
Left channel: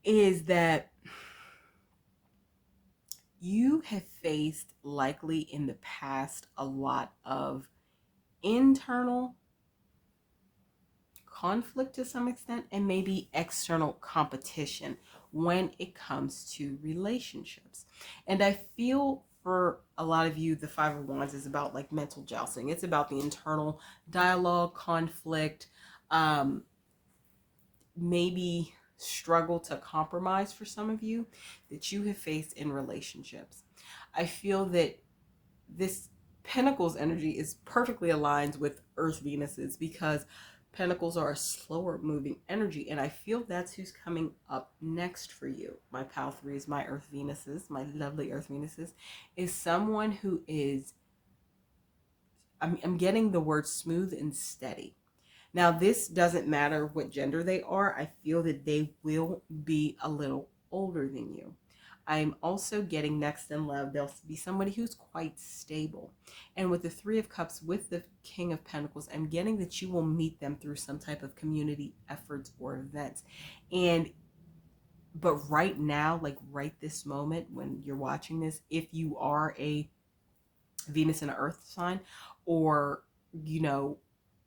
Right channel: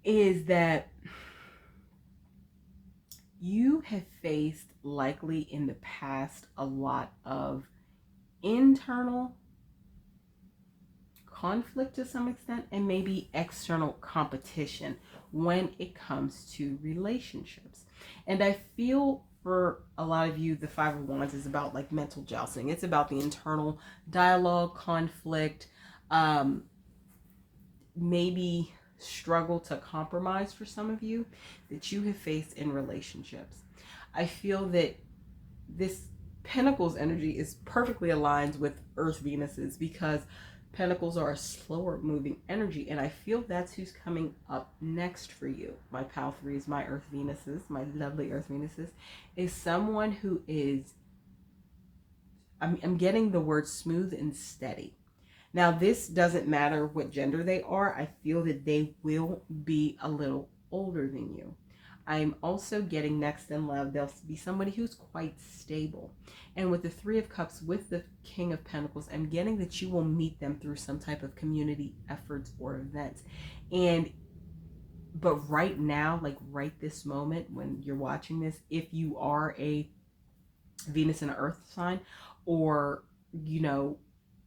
is that you have faced, likely in the past, a lot of internal conflict to some extent and maybe external competition when it comes to relationships. And I feel for a lot of you, the Five of Wands is about like mental jousting. It's about the internal dialogue, conflict, maybe struggle to compromise for some of you that you have faced in relationships. I feel that this Pentacles energy is perfectly aligned with Earth Venuses because Pentacles are a slower moving energy, and I feel that's who's coming up next for you. My pal threes, my Earth Venuses, my lovely Earth Venuses, is someone who is, I'm getting the word smooth and steady. Now, this doesn't matter what gender they are. I feel that they will be a little older than you. I'm also getting next in love, they'll be somebody who's quite stable. And with the Three of Cups, with the King of Pentacles, I'm getting that you will meet them through some type of community efforts or events. But right now, like right this moment when you're watching this, if you are a Venus and an Earth sign, or, you know,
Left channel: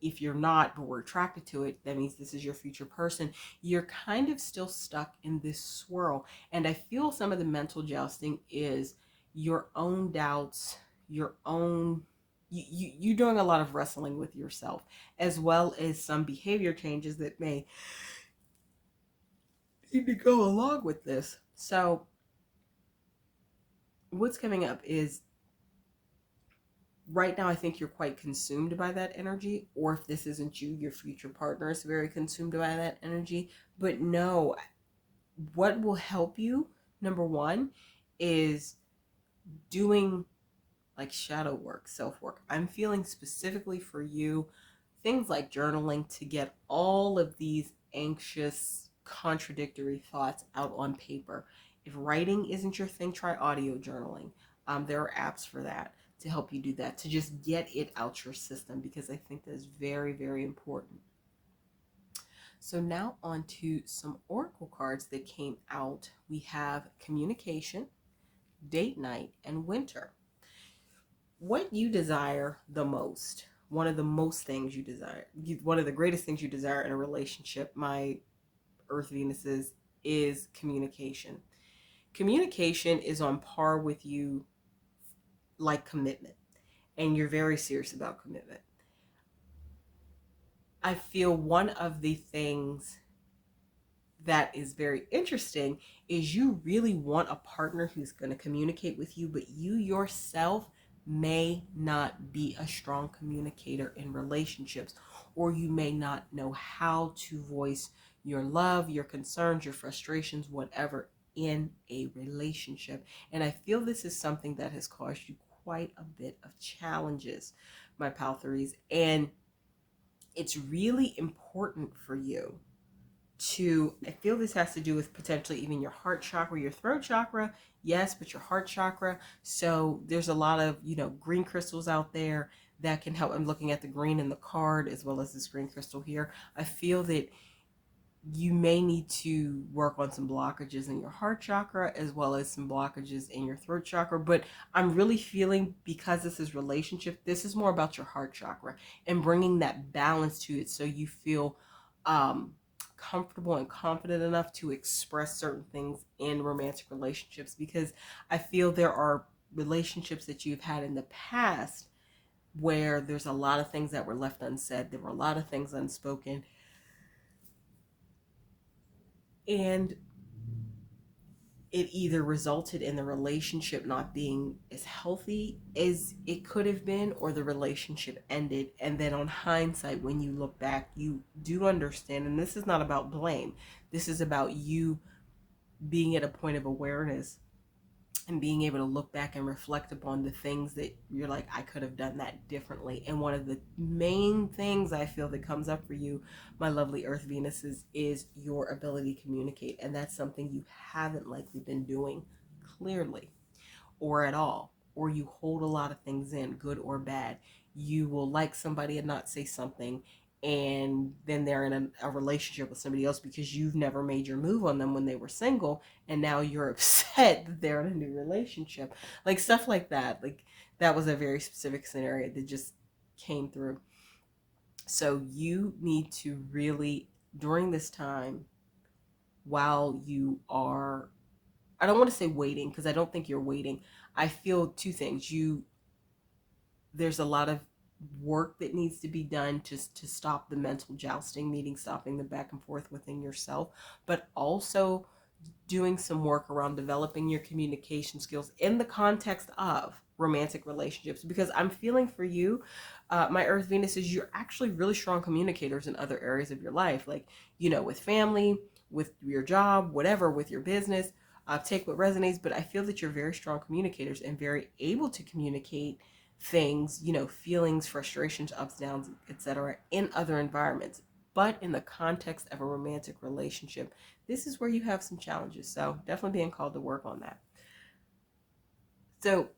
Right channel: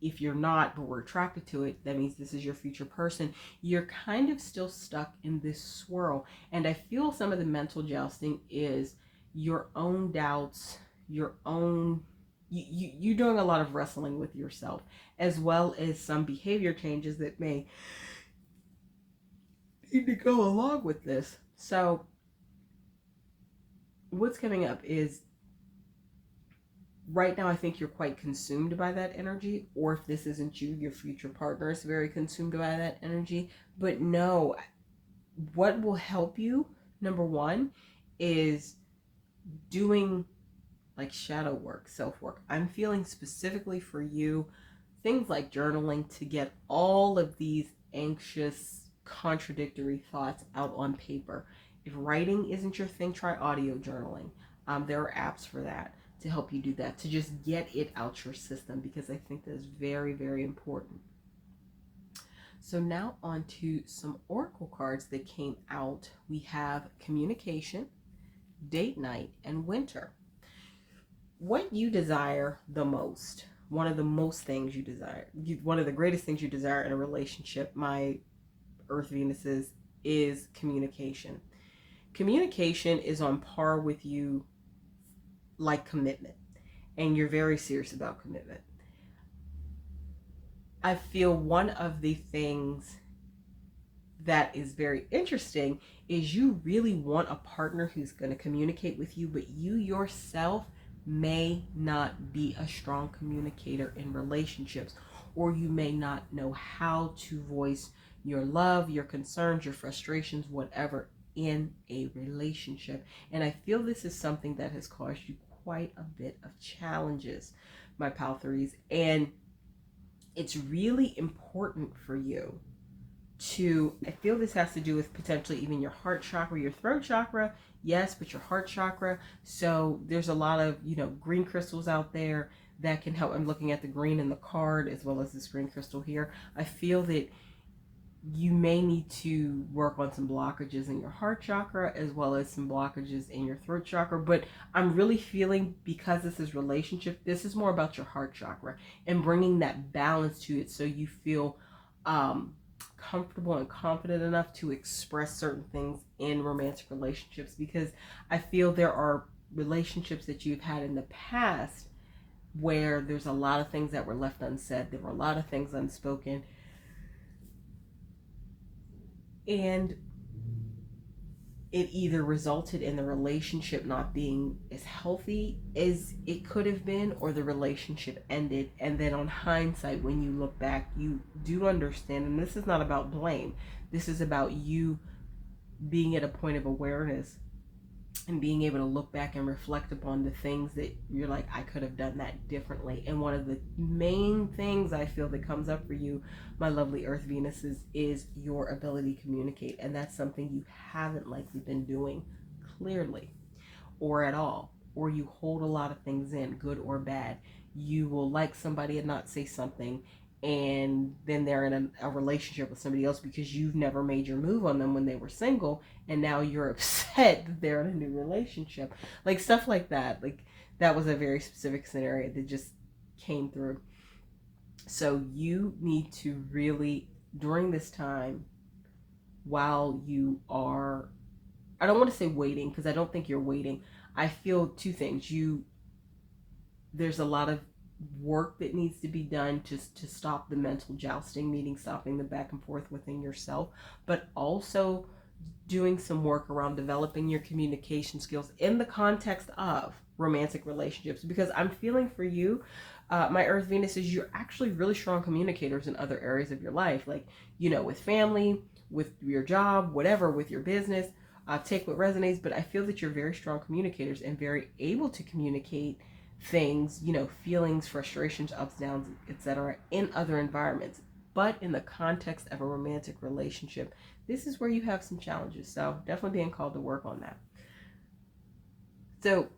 if you're not, but we're attracted to it, that means this is your future person. You're kind of still stuck in this swirl. And I feel some of the mental jousting is your own doubts, your own, you're doing a lot of wrestling with yourself, as well as some behavior changes that may need to go along with this. So what's coming up is, right now, I think you're quite consumed by that energy, or if this isn't you, your future partner is very consumed by that energy. But no, what will help you, number one, is doing like shadow work, self-work. I'm feeling specifically for you, things like journaling to get all of these anxious, contradictory thoughts out on paper. If writing isn't your thing, try audio journaling. There are apps for that to help you do that, to just get it out your system, because I think that is very, very important. So now on to some oracle cards that came out. We have communication, date night, and winter. What you desire the most, one of the most things you desire, one of the greatest things you desire in a relationship, my Earth Venuses, is communication. Communication is on par with you like commitment, and you're very serious about commitment. I feel one of the things that is very interesting is you really want a partner who's going to communicate with you, but you yourself may not be a strong communicator in relationships, or you may not know how to voice your love, your concerns, your frustrations, whatever, in a relationship. And I feel this is something that has caused you quite a bit of challenges, my pal threes. And it's really important for you to, I feel this has to do with potentially even your heart chakra, your throat chakra, yes, but your heart chakra. So there's a lot of, green crystals out there that can help. I'm looking at the green in the card as well as this green crystal here. I feel that you may need to work on some blockages in your heart chakra as well as some blockages in your throat chakra. But I'm really feeling, because this is relationship, this is more about your heart chakra and bringing that balance to it, so you feel comfortable and confident enough to express certain things in romantic relationships. Because I feel there are relationships that you've had in the past where there's a lot of things that were left unsaid, there were a lot of things unspoken, and it either resulted in the relationship not being as healthy as it could have been, or the relationship ended. And then on hindsight, when you look back, you do understand, and this is not about blame, this is about you being at a point of awareness and being able to look back and reflect upon the things that you're like, I could have done that differently. And one of the main things I feel that comes up for you, my lovely Earth Venuses, is your ability to communicate. And that's something you haven't likely been doing clearly or at all, or you hold a lot of things in, good or bad. You will like somebody and not say something, and then they're in a relationship with somebody else because you've never made your move on them when they were single, and now you're upset that they're in a new relationship. Like stuff like that. Like that was a very specific scenario that just came through. So you need to really, during this time, while you are, I don't want to say waiting, because I don't think you're waiting. I feel two things. There's a lot of work that needs to be done to stop the mental jousting, meaning stopping the back and forth within yourself, but also doing some work around developing your communication skills in the context of romantic relationships. Because I'm feeling for you, my Earth Venus, is you're actually really strong communicators in other areas of your life, like, with family, with your job, whatever, with your business. Take what resonates, but I feel that you're very strong communicators and very able to communicate things, feelings, frustrations, ups, downs, etc., in other environments. But in the context of a romantic relationship, this is where you have some challenges. So definitely being called to work on that. So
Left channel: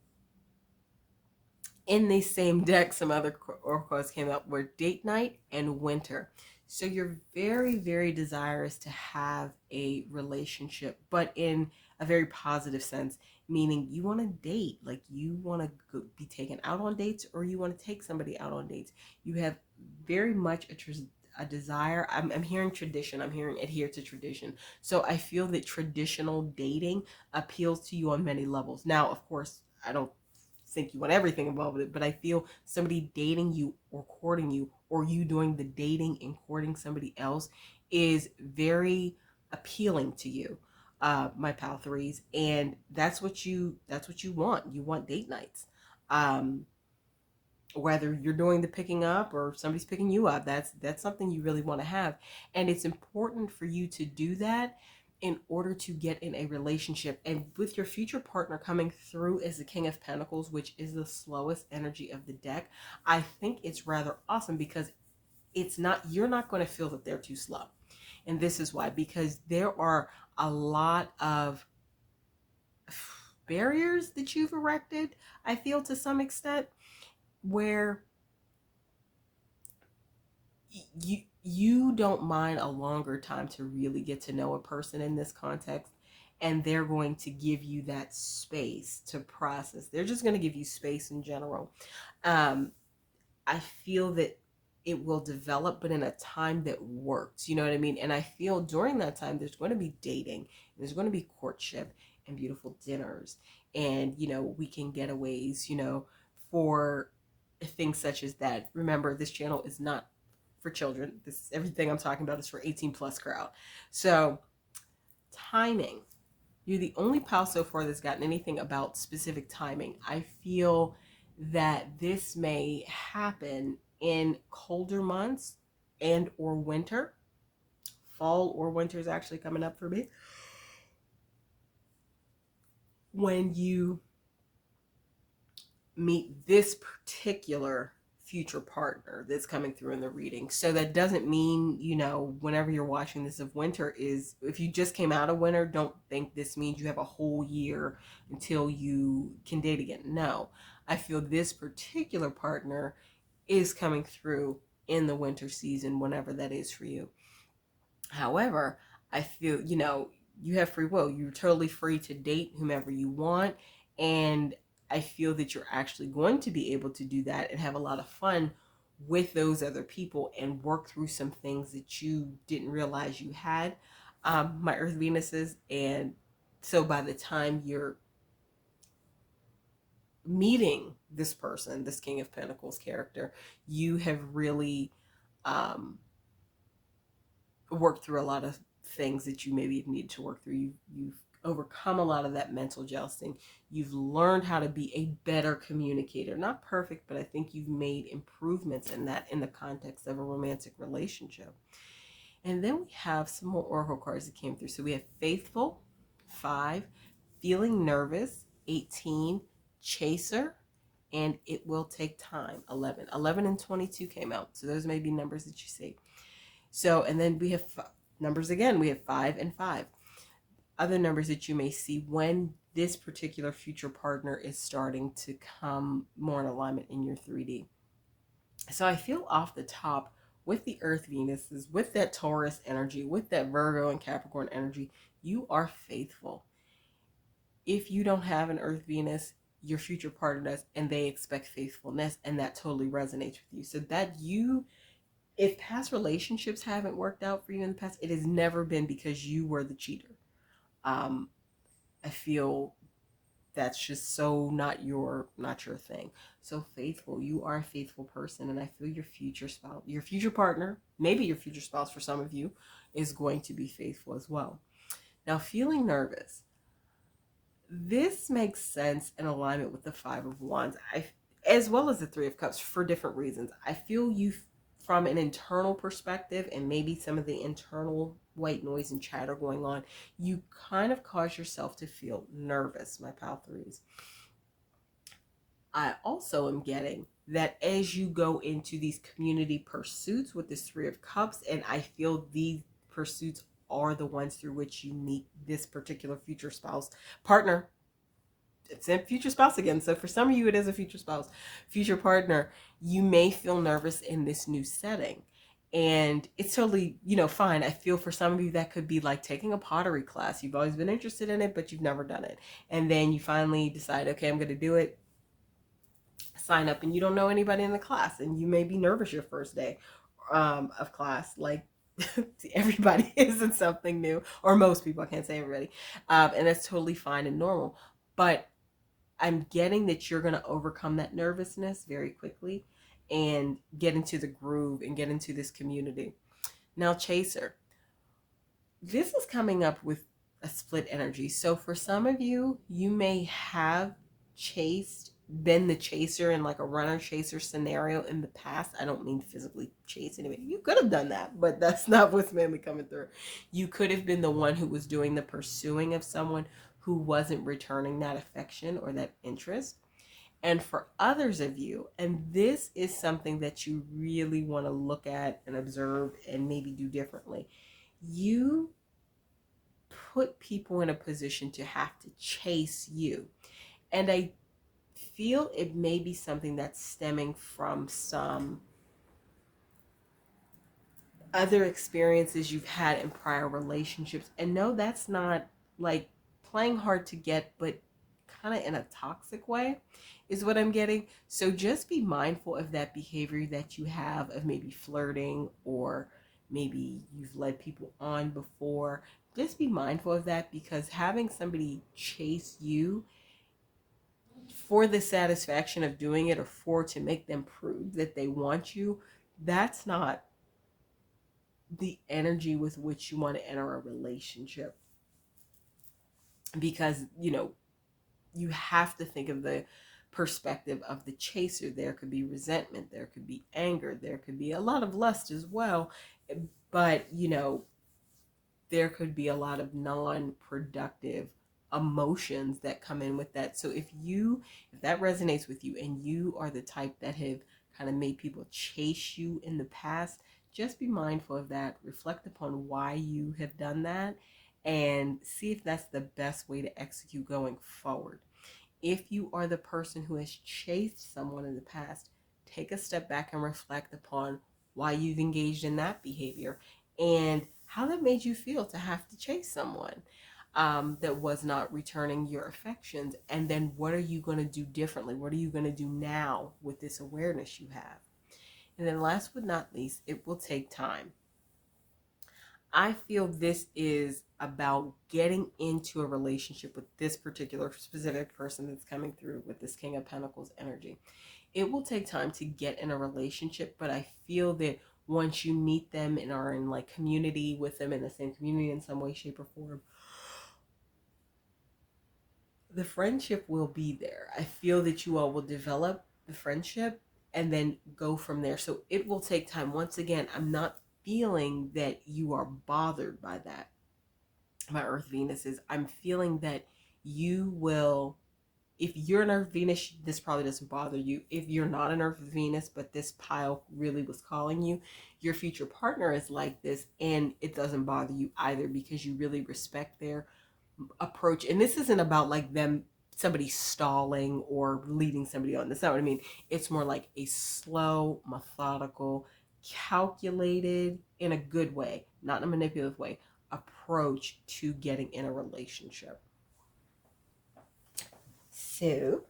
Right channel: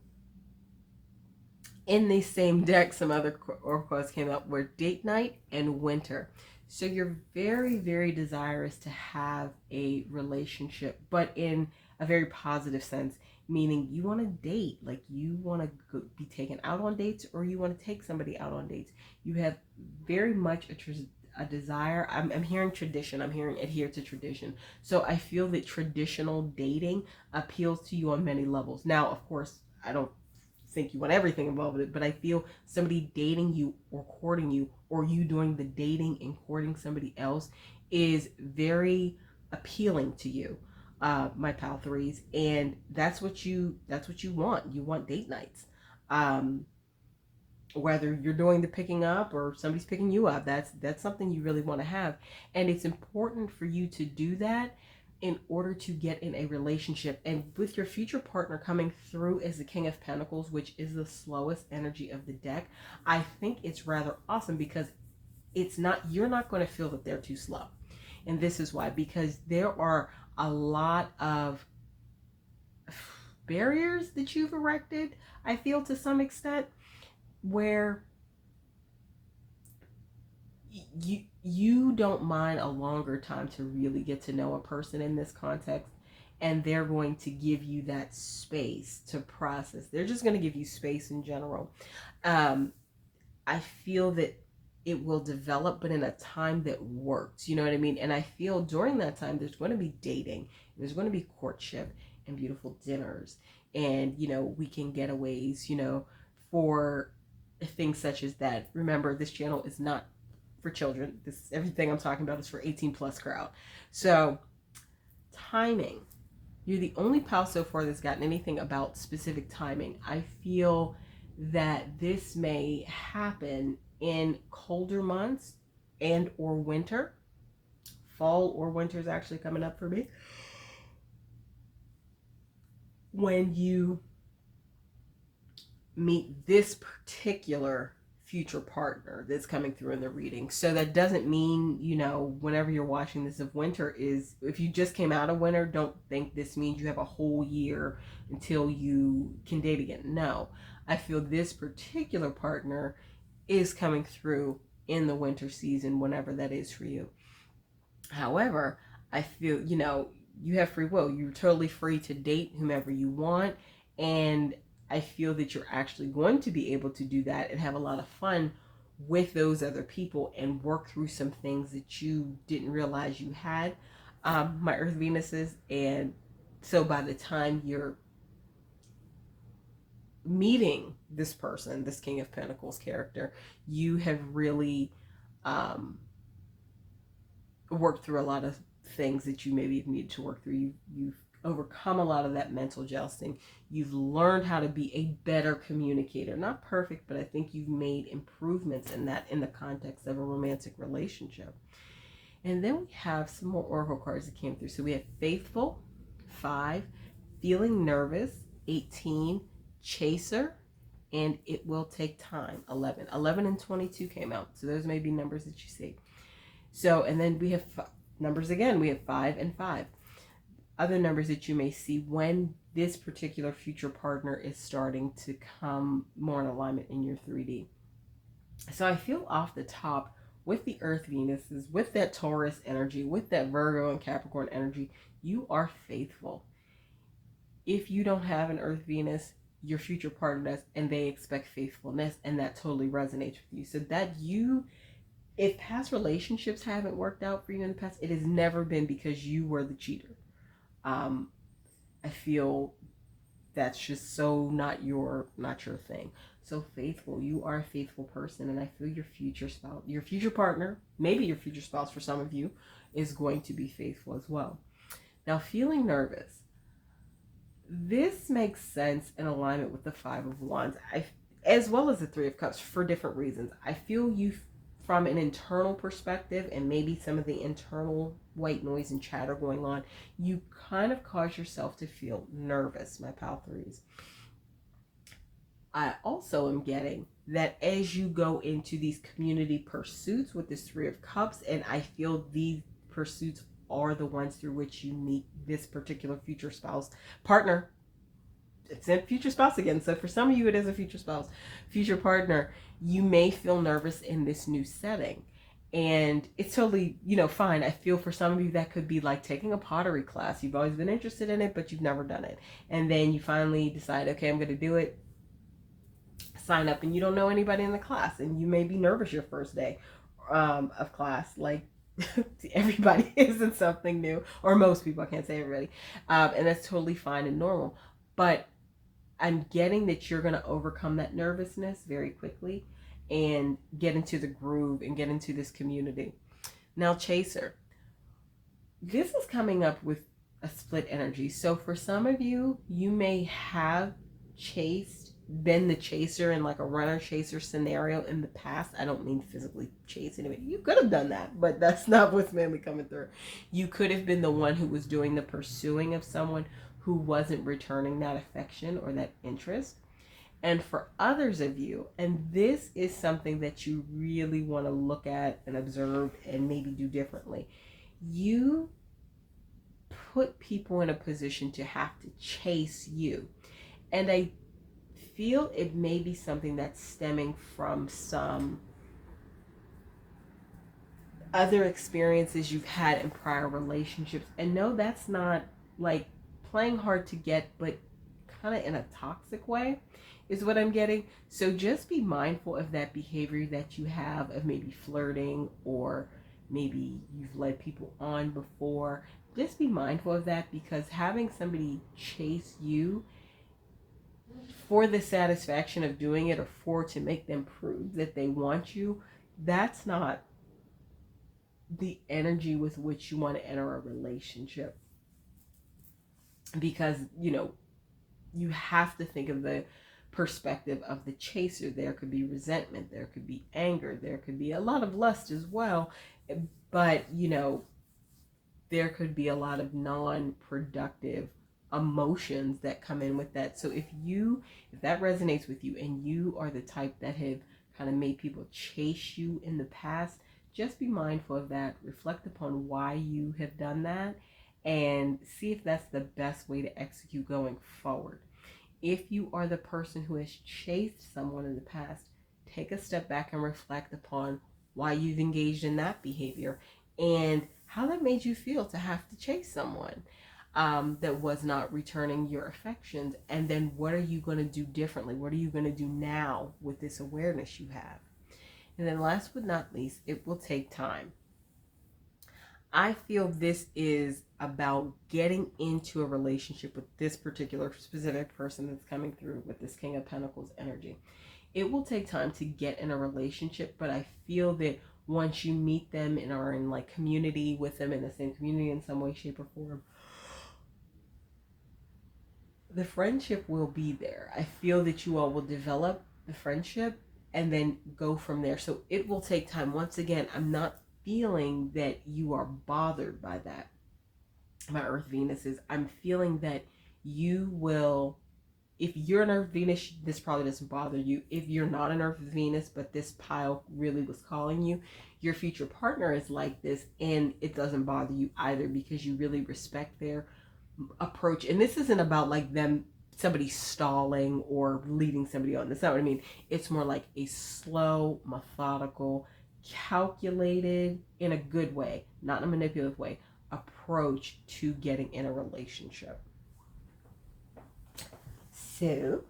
in the same deck, some other oracles came up were date night and winter. So you're very, very desirous to have a relationship, but in a very positive sense, meaning you want to date, like you want to be taken out on dates, or you want to take somebody out on dates. You have very much a desire. I'm hearing tradition. I'm hearing adhere to tradition. So I feel that traditional dating appeals to you on many levels. Now, of course, I don't think you want everything involved with it, but I feel somebody dating you or courting you, or you doing the dating and courting somebody else, is very appealing to you, my pal threes. And that's what you want. You want date nights. Whether you're doing the picking up or somebody's picking you up, that's something you really want to have. And it's important for you to do that in order to get in a relationship. And with your future partner coming through as the King of Pentacles, which is the slowest energy of the deck, I think it's rather awesome, because you're not going to feel that they're too slow. And this is why, because there are a lot of barriers that you've erected, I feel, to some extent, where you don't mind a longer time to really get to know a person in this context, and they're going to give you that space to process. They're just going to give you space in general. I feel that it will develop, but in a time that works, you know what I mean? And I feel during that time there's going to be dating, there's going to be courtship and beautiful dinners, and weekend getaways, for things such as that. Remember, this channel is not for children. Everything I'm talking about is for 18 plus crowd. So timing, you're the only pal so far that's gotten anything about specific timing. I feel that this may happen in colder months and or winter. Fall or winter is actually coming up for me. When you meet this particular future partner that's coming through in the reading. So that doesn't mean, whenever you're watching this of winter is, if you just came out of winter, don't think this means you have a whole year until you can date again. No, I feel this particular partner is coming through in the winter season, whenever that is for you. However, I feel, you have free will. You're totally free to date whomever you want. And I feel that you're actually going to be able to do that and have a lot of fun with those other people and work through some things that you didn't realize you had. My Earth Venuses. And so by the time you're meeting this person, this King of Pentacles character, you have really worked through a lot of things that you maybe needed to work through. You've overcome a lot of that mental jousting. You've learned how to be a better communicator. Not perfect, but I think you've made improvements in that in the context of a romantic relationship. And then we have some more oracle cards that came through. So we have Faithful, 5, Feeling Nervous, 18, Chaser, and It Will Take Time, 11. 11 and 22 came out. So those may be numbers that you see. So, and then we have numbers again. We have 5 and 5. Other numbers that you may see when this particular future partner is starting to come more in alignment in your 3D. So I feel off the top with the Earth Venuses, with that Taurus energy, with that Virgo and Capricorn energy, you are faithful. If you don't have an Earth Venus, your future partner does, and they expect faithfulness, and that totally resonates with you. So that if past relationships haven't worked out for you in the past, it has never been because you were the cheater. I feel that's just so not your thing. So faithful, you are a faithful person, and I feel your future spouse, your future partner, maybe your future spouse for some of you, is going to be faithful as well. Now, feeling nervous. This makes sense in alignment with the 5 of Wands, as well as the 3 of Cups, for different reasons. I feel you from an internal perspective, and maybe some of the internal white noise and chatter going on, you kind of cause yourself to feel nervous, my pal threes. I also am getting that as you go into these community pursuits with this 3 of Cups, and I feel these pursuits are the ones through which you meet this particular future spouse, partner. It's a future spouse again. So for some of you, it is a future spouse, future partner. You may feel nervous in this new setting. And it's totally, fine. I feel for some of you that could be like taking a pottery class. You've always been interested in it, but you've never done it. And then you finally decide, okay, I'm going to do it. Sign up, and you don't know anybody in the class. And you may be nervous your first day of class. Like, everybody isn't something new, or most people, I can't say everybody. And that's totally fine and normal. But I'm getting that you're going to overcome that nervousness very quickly and get into the groove and get into this community. Now, Chaser. This is coming up with a split energy. So for some of you, you may have been the chaser in like a runner chaser scenario in the past. I don't mean physically chase anybody. You could have done that, but that's not what's mainly coming through. You could have been the one who was doing the pursuing of someone who wasn't returning that affection or that interest. And for others of you, and this is something that you really want to look at and observe and maybe do differently, you put people in a position to have to chase you. And I feel it may be something that's stemming from some other experiences you've had in prior relationships. And no, that's not like playing hard to get, but kind of in a toxic way is what I'm getting. So just be mindful of that behavior that you have of maybe flirting, or maybe you've led people on before. Just be mindful of that, because having somebody chase you for the satisfaction of doing it, or to make them prove that they want you, that's not the energy with which you want to enter a relationship. Because, you have to think of the perspective of the chaser. There could be resentment, there could be anger, there could be a lot of lust as well. But, there could be a lot of non-productive emotions that come in with that. So if that resonates with you and you are the type that have kind of made people chase you in the past, just be mindful of that. Reflect upon why you have done that and see if that's the best way to execute going forward. If you are the person who has chased someone in the past, take a step back and reflect upon why you've engaged in that behavior and how that made you feel to have to chase someone that was not returning your affections. And then what are you going to do differently? What are you going to do now with this awareness you have? And then last but not least, it will take time. I feel this is about getting into a relationship with this particular specific person that's coming through with this King of Pentacles energy. It will take time to get in a relationship, but I feel that once you meet them and are in like community with them in the same community in some way, shape, or form, the friendship will be there. I feel that you all will develop the friendship and then go from there. So it will take time. Once again, I'm not feeling that you are bothered by that. My Earth Venus is, I'm feeling that you will, if you're an Earth Venus, this probably doesn't bother you. If you're not an Earth Venus, but this pile really was calling you, your future partner is like this, and it doesn't bother you either because you really respect their approach. And this isn't about like somebody stalling or leading somebody on. That's not what I mean. It's more like a slow, methodical, calculated, in a good way, not in a manipulative way, approach to getting in a relationship. So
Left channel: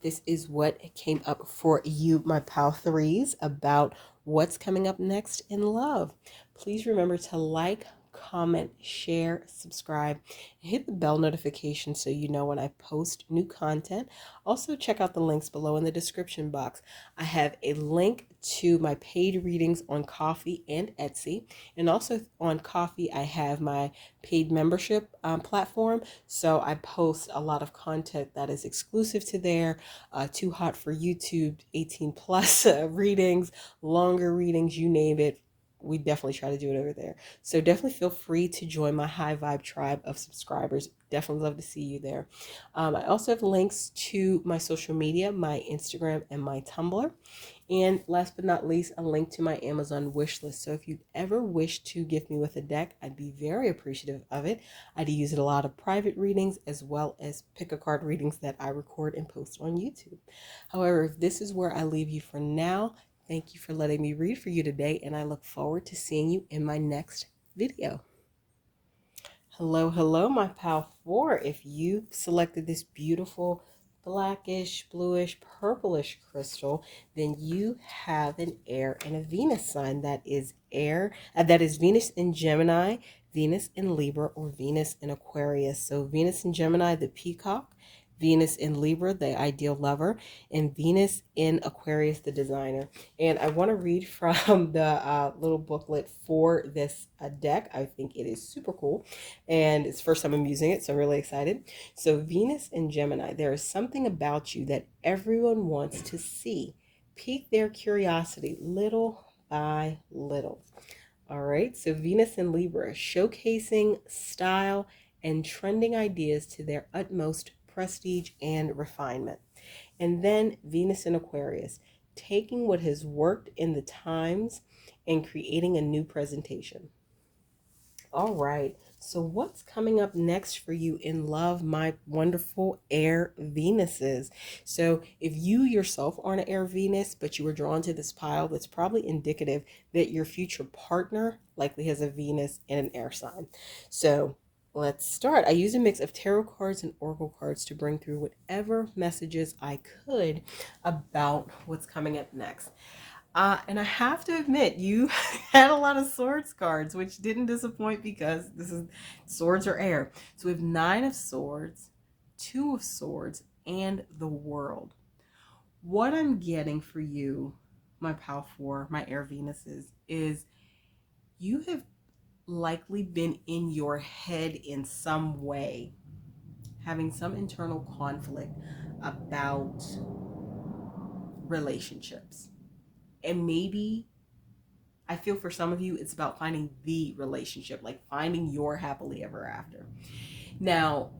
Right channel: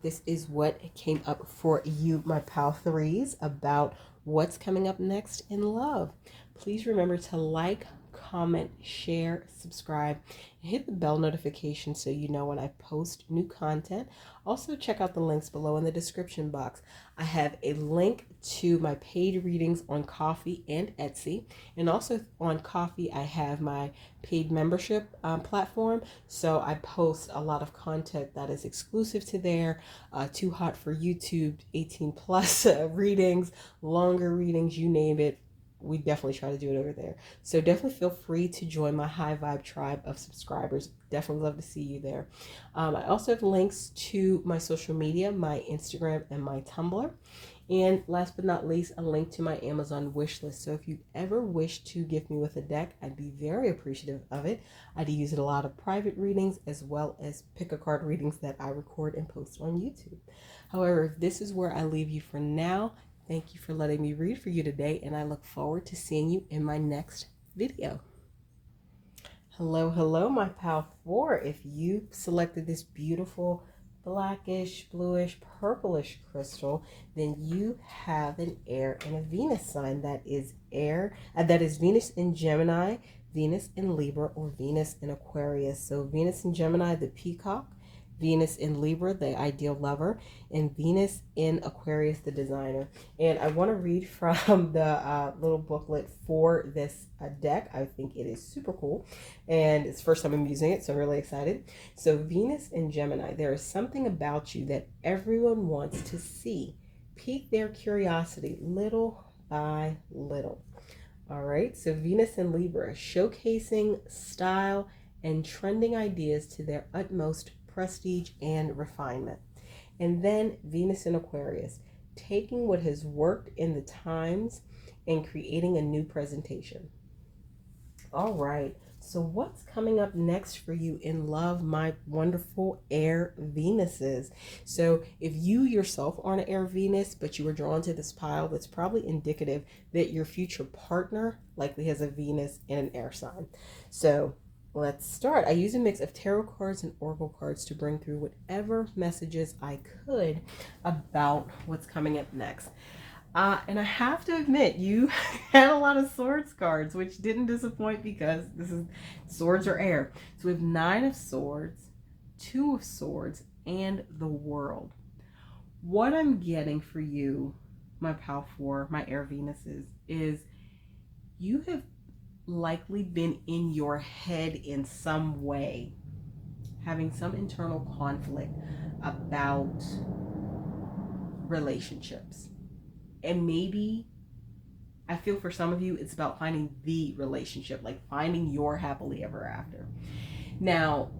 this is what came up for you, my Pal 3s, about what's coming up next in love. Please remember to like, comment, share, subscribe, and hit the bell notification so you know when I post new content. Also, check out the links below in the description box. I have a link to my paid readings on Ko-fi and Etsy. And also on Ko-fi, I have my paid membership platform. So I post a lot of content that is exclusive to there. Too Hot for YouTube, 18 plus readings, longer readings, you name it. We definitely try to do it over there. So definitely feel free to join my high vibe tribe of subscribers. Definitely love to see you there. I also have links to my social media, my Instagram and my Tumblr. And last but not least, a link to my Amazon wish list. So if you ever wish to gift me with a deck, I'd be very appreciative of it. I'd use it a lot of private readings as well as pick a card readings that I record and post on YouTube. However, if this is where I leave you for now, thank you for letting me read for you today, and I look forward to seeing you in my next video. Hello, hello, my Pal 4. If you selected this beautiful blackish, bluish, purplish crystal, then you have an air and a Venus sign. That is Venus in Gemini, Venus in Libra, or Venus in Aquarius. So Venus in Gemini, the peacock, Venus in Libra, the ideal lover, and Venus in Aquarius, the designer. And I want to read from the little booklet for this deck. I think it is super cool, and it's the first time I'm using it, so I'm really excited. So Venus in Gemini, there is something about you that everyone wants to see. Pique their curiosity little by little. All right, so Venus in Libra, showcasing style and trending ideas to their utmost prestige and refinement. And then Venus in Aquarius, taking what has worked in the times and creating a new presentation. All right, so what's coming up next for you in love, my wonderful air Venuses? So if you yourself aren't an air Venus, but you were drawn to this pile, that's probably indicative that your future partner likely has a Venus and an air sign. So let's start. I use a mix of tarot cards and oracle cards to bring through whatever messages I could about what's coming up next. And I have to admit, you had a lot of swords cards, which didn't disappoint because swords are air. So we have 9 of Swords, 2 of Swords, and the World. What I'm getting for you, my Pal 4, my air Venuses, is you have likely been in your head in some way having some internal conflict about relationships. And maybe, I feel for some of you, it's about finding the relationship, like finding your happily ever after. Now,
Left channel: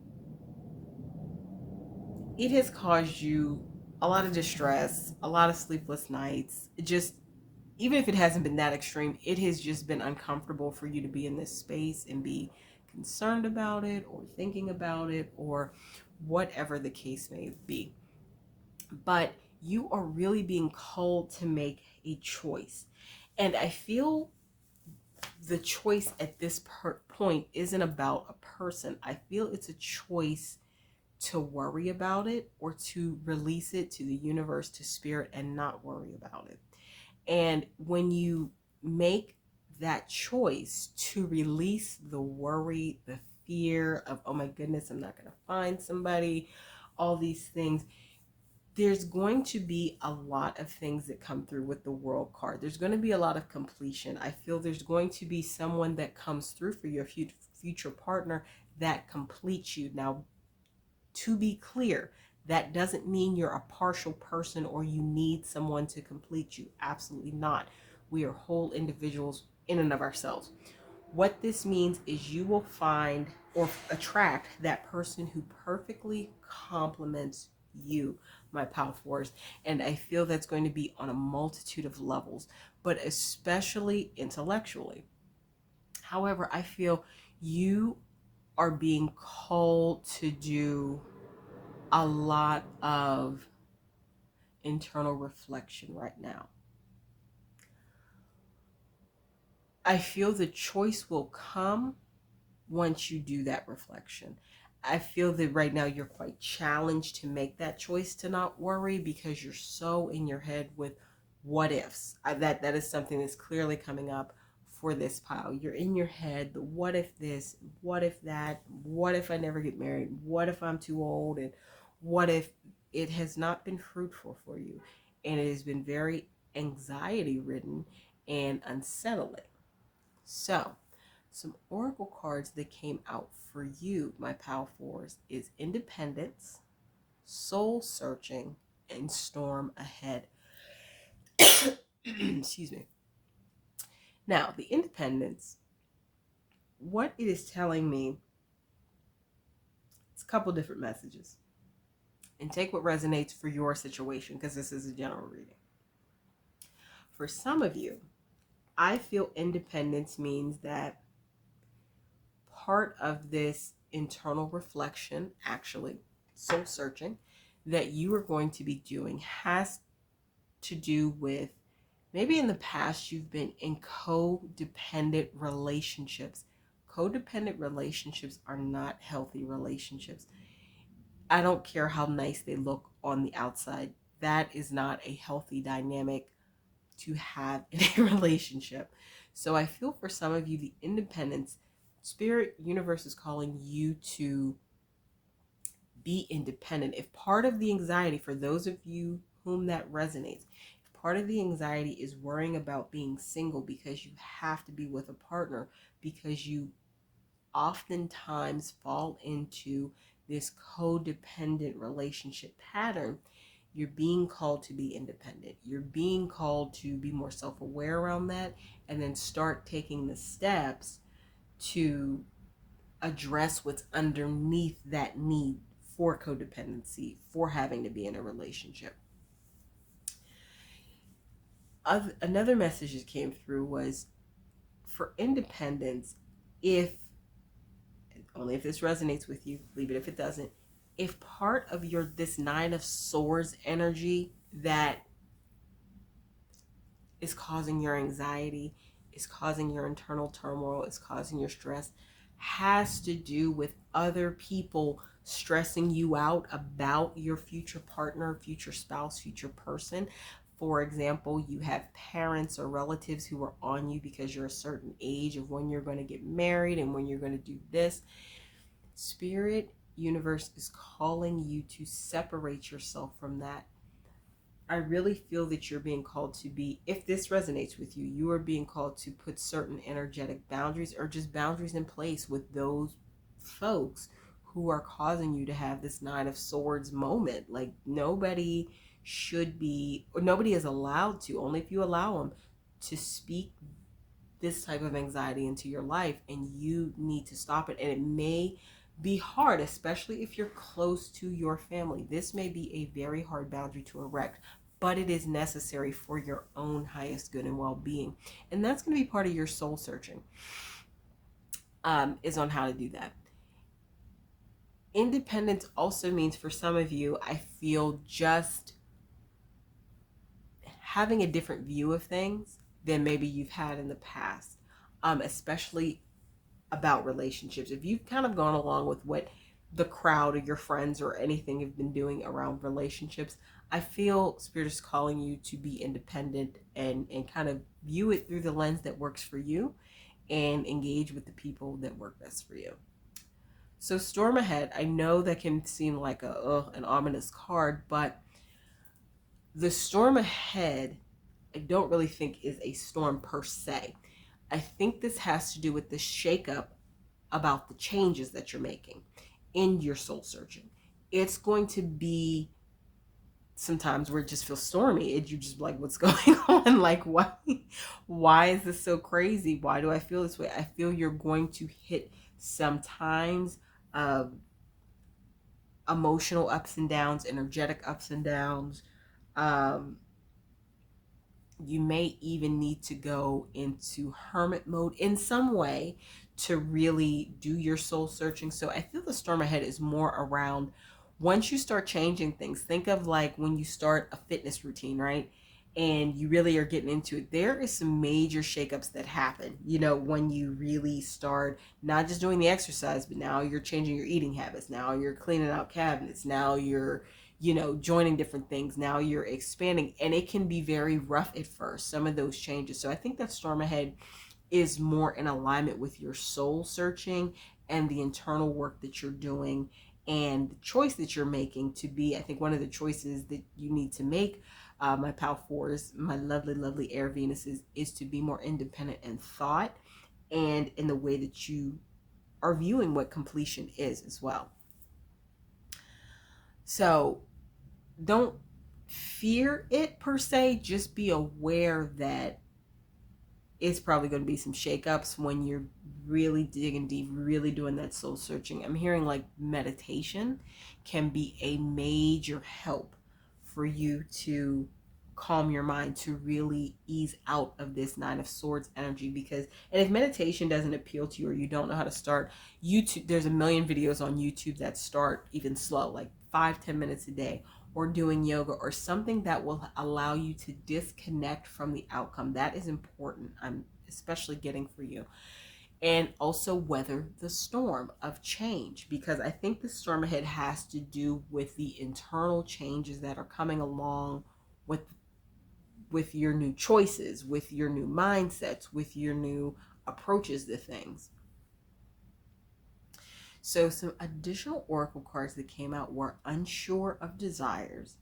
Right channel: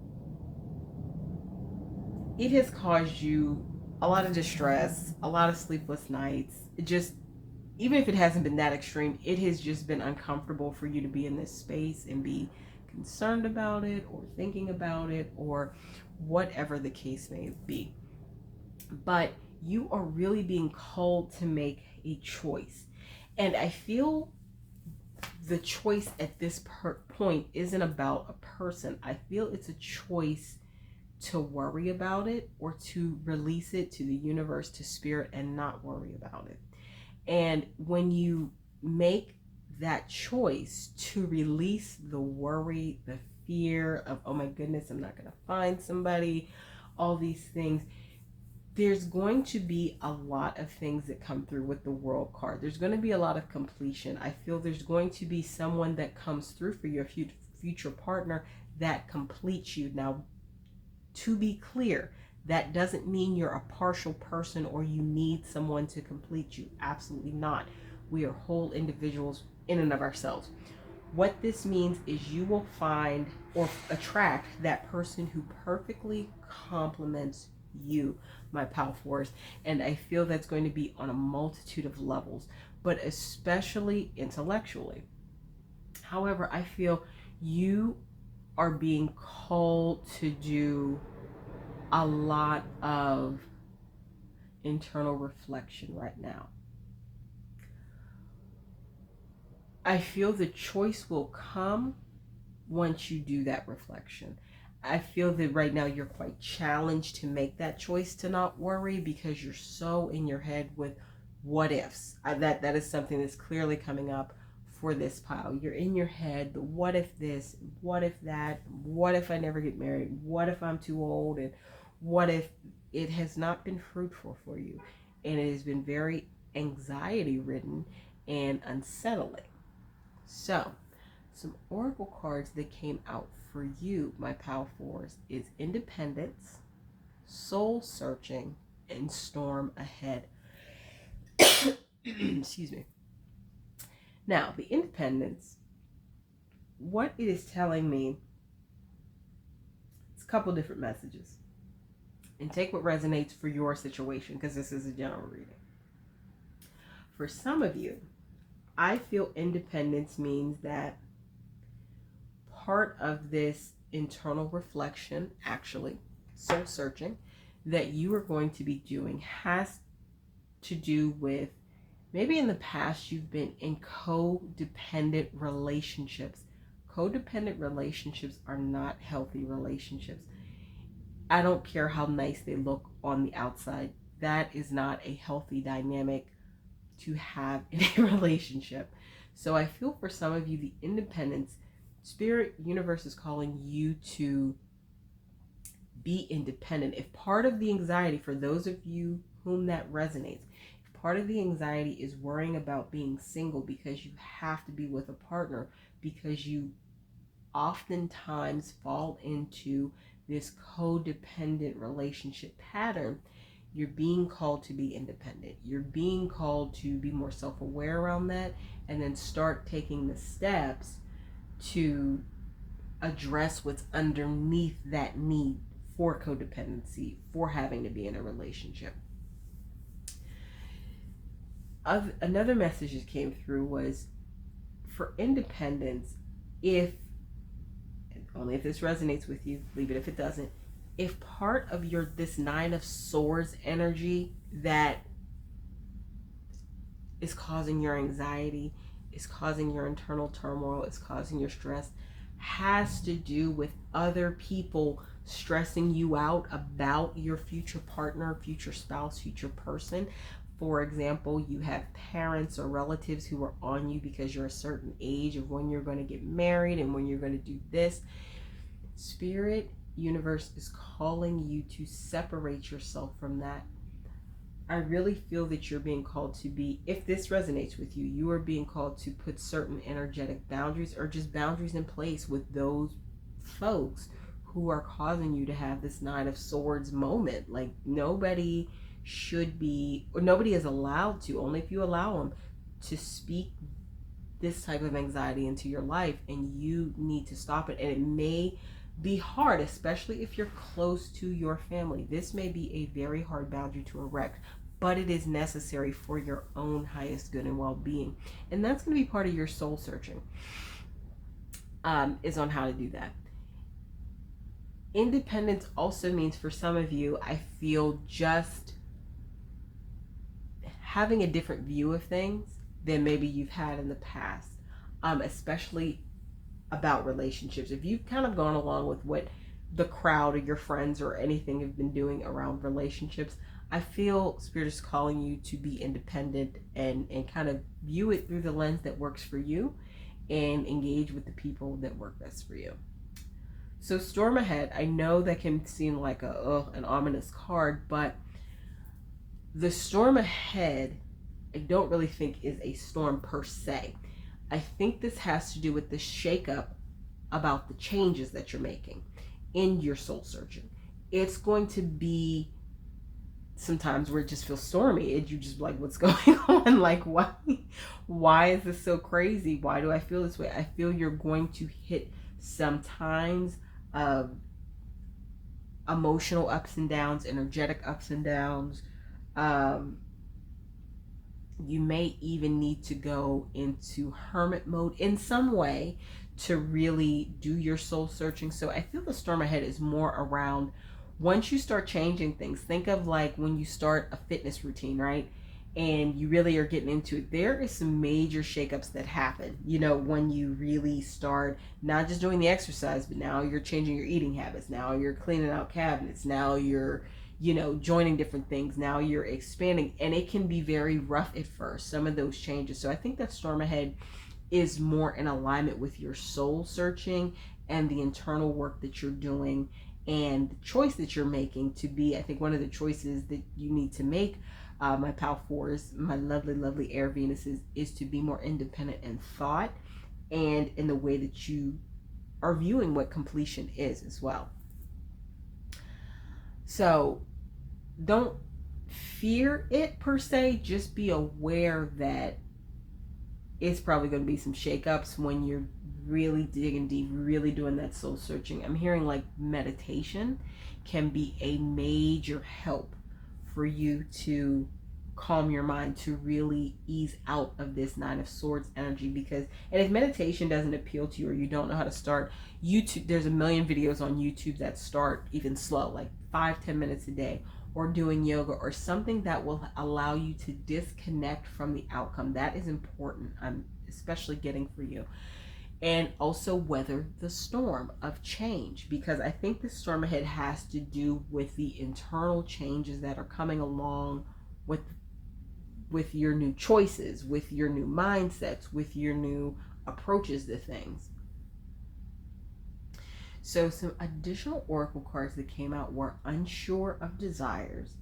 it has caused you a lot of distress, a lot of sleepless nights. It just, even if it hasn't been that extreme, it has just been uncomfortable for you to be in this space and be concerned about it or thinking about it or whatever the case may be. But you are really being called to make a choice. And I feel the choice at this point isn't about a person. I feel it's a choice to worry about it or to release it to the universe, to spirit, and not worry about it. And when you make that choice to release the worry, the fear of, oh my goodness, I'm not going to find somebody, all these things, there's going to be a lot of things that come through with the World card. There's going to be a lot of completion. I feel there's going to be someone that comes through for your future partner that completes you. Now, to be clear, that doesn't mean you're a partial person or you need someone to complete you. Absolutely not. We are whole individuals in and of ourselves. What this means is you will find or attract that person who perfectly complements you, my pal force. And I feel that's going to be on a multitude of levels, but especially intellectually. However, I feel you are being called to do a lot of internal reflection right now. I feel the choice will come once you do that reflection. I feel that right now you're quite challenged to make that choice to not worry because you're so in your head with what ifs. That is something that's clearly coming up for this pile. You're in your head, the what if this, what if that, what if I never get married, what if I'm too old, and what if it has not been fruitful for you, and it has been very anxiety ridden and unsettling. So some oracle cards that came out for you, my pal fours, is independence, soul searching, and storm ahead. Excuse me. Now, the independence, what it is telling me, it's a couple different messages. And take what resonates for your situation, because this is a general reading. For some of you, I feel independence means that part of this internal reflection, actually, soul searching, that you are going to be doing has to do with maybe in the past you've been in codependent relationships. Codependent relationships are not healthy relationships. I don't care how nice they look on the outside. That is not a healthy dynamic to have in a relationship. So I feel for some of you, the independence, spirit universe is calling you to be independent. If part of the anxiety, for those of you whom that resonates, if part of the anxiety is worrying about being single because you have to be with a partner, because you oftentimes fall into this codependent relationship pattern, you're being called to be independent. You're being called to be more self-aware around that and then start taking the steps to address what's underneath that need for codependency, for having to be in a relationship. Another message that came through was for independence, if only if this resonates with you, leave it if it doesn't. If part of your this Nine of Swords energy that is causing your anxiety, is causing your internal turmoil, is causing your stress, has to do with other people stressing you out about your future partner, future spouse, future person. For example, you have parents or relatives who are on you because you're a certain age of when you're going to get married and when you're going to do this. Spirit universe is calling you to separate yourself from that. I really feel that you're being called to be, if this resonates with you, you are being called to put certain energetic boundaries or just boundaries in place with those folks who are causing you to have this Nine of Swords moment. Like, nobody should be, or nobody is allowed to, only if you allow them to speak this type of anxiety into your life, and you need to stop it. And it may be hard, especially if you're close to your family. This may be a very hard boundary to erect, but it is necessary for your own highest good and well-being. And that's going to be part of your soul searching, is on how to do that. Independence also means, for some of you, I feel, just having a different view of things than maybe you've had in the past, especially about relationships. If you've kind of gone along with what the crowd or your friends or anything have been doing around relationships, I feel Spirit is calling you to be independent and kind of view it through the lens that works for you, and engage with the people that work best for you. So storm ahead, I know that can seem like an ominous card, but the storm ahead, I don't really think is a storm per se. I think this has to do with the shakeup about the changes that you're making in your soul searching. It's going to be sometimes where it just feels stormy, and you just like, what's going on? Like, why is this so crazy? Why do I feel this way? I feel you're going to hit sometimes emotional ups and downs, energetic ups and downs. You may even need to go into hermit mode in some way to really do your soul searching. So I feel the storm ahead is more around, once you start changing things, think of like when you start a fitness routine, right? And you really are getting into it. There is some major shakeups that happen, when you really start not just doing the exercise, but now you're changing your eating habits. Now you're cleaning out cabinets. Now you're joining different things. Now you're expanding, and it can be very rough at first, some of those changes. So I think that storm ahead is more in alignment with your soul searching and the internal work that you're doing, and the choice that you're making to be, I think one of the choices that you need to make, my Pal 4s, my lovely, lovely air Venuses, is to be more independent in thought and in the way that you are viewing what completion is as well. So don't fear it per se, just be aware that it's probably going to be some shakeups when you're really digging deep, really doing that soul searching. I'm hearing like meditation can be a major help for you to calm your mind, to really ease out of this Nine of Swords energy. Because, and if meditation doesn't appeal to you, or you don't know how to start, YouTube, there's a million videos on YouTube that start even slow, like 5-10 minutes a day, or doing yoga, or something that will allow you to disconnect from the outcome. That is important. I'm especially getting for you. And also weather the storm of change, because I think the storm ahead has to do with the internal changes that are coming along with your new choices, with your new mindsets, with your new approaches to things. So some additional oracle cards that came out were unsure of desires,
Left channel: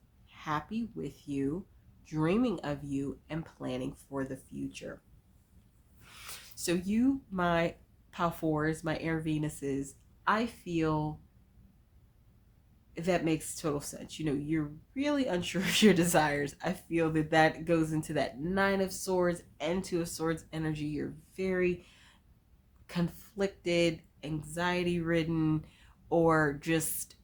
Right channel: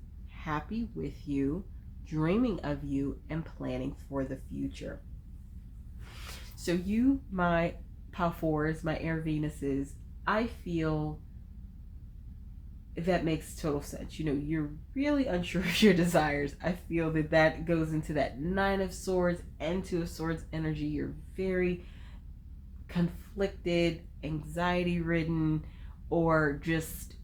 happy with you, dreaming of you, and planning for the future. So you, my Pal 4s, my air Venuses, I feel that makes total sense. You're really unsure of your desires. I feel that goes into that Nine of Swords and Two of Swords energy. You're very conflicted, anxiety ridden, or just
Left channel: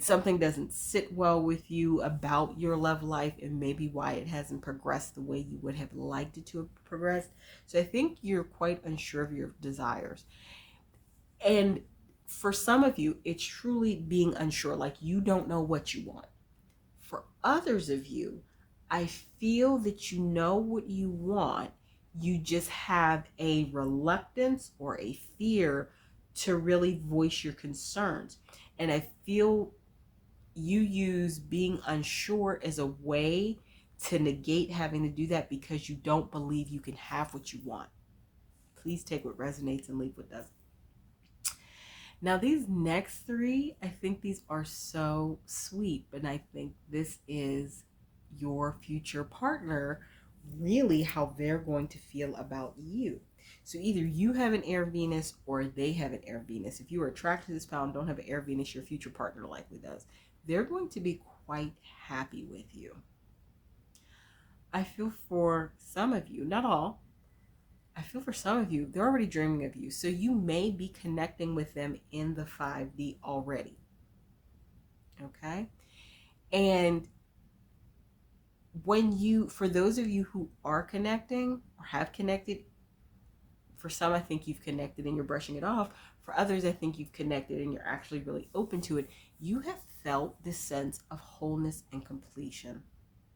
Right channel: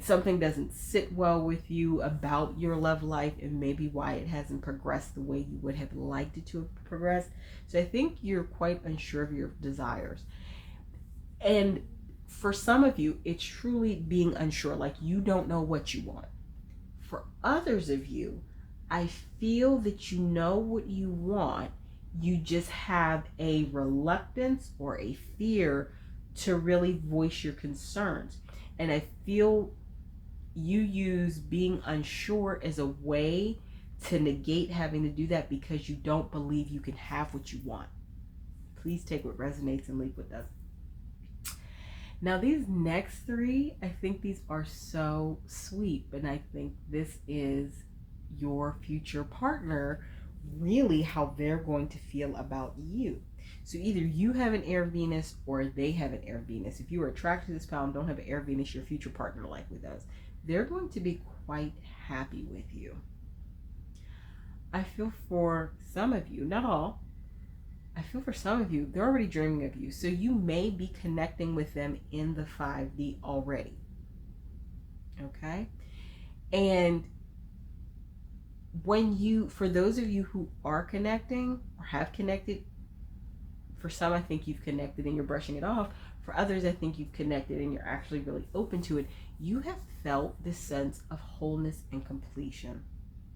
something doesn't sit well with you about your love life, and maybe why it hasn't progressed the way you would have liked it to have progressed. So I think you're quite unsure of your desires. And for some of you, it's truly being unsure, like you don't know what you want. For others of you, I feel that you know what you want, you just have a reluctance or a fear to really voice your concerns. And I feel you use being unsure as a way to negate having to do that, because you don't believe you can have what you want. Please take what resonates and leave what doesn't. Now these next three, I think these are so sweet, but I think this is your future partner, really how they're going to feel about you. So either you have an air Venus or they have an air Venus. If you are attracted to this pal and don't have an air Venus, your future partner likely does. They're going to be quite happy with you. I feel for some of you, not all, I feel for some of you, they're already dreaming of you. So you may be connecting with them in the 5D already. Okay? And for those of you who are connecting or have connected, for some, I think you've connected and you're brushing it off. For others, I think you've connected and you're actually really open to it. You have felt this sense of wholeness and completion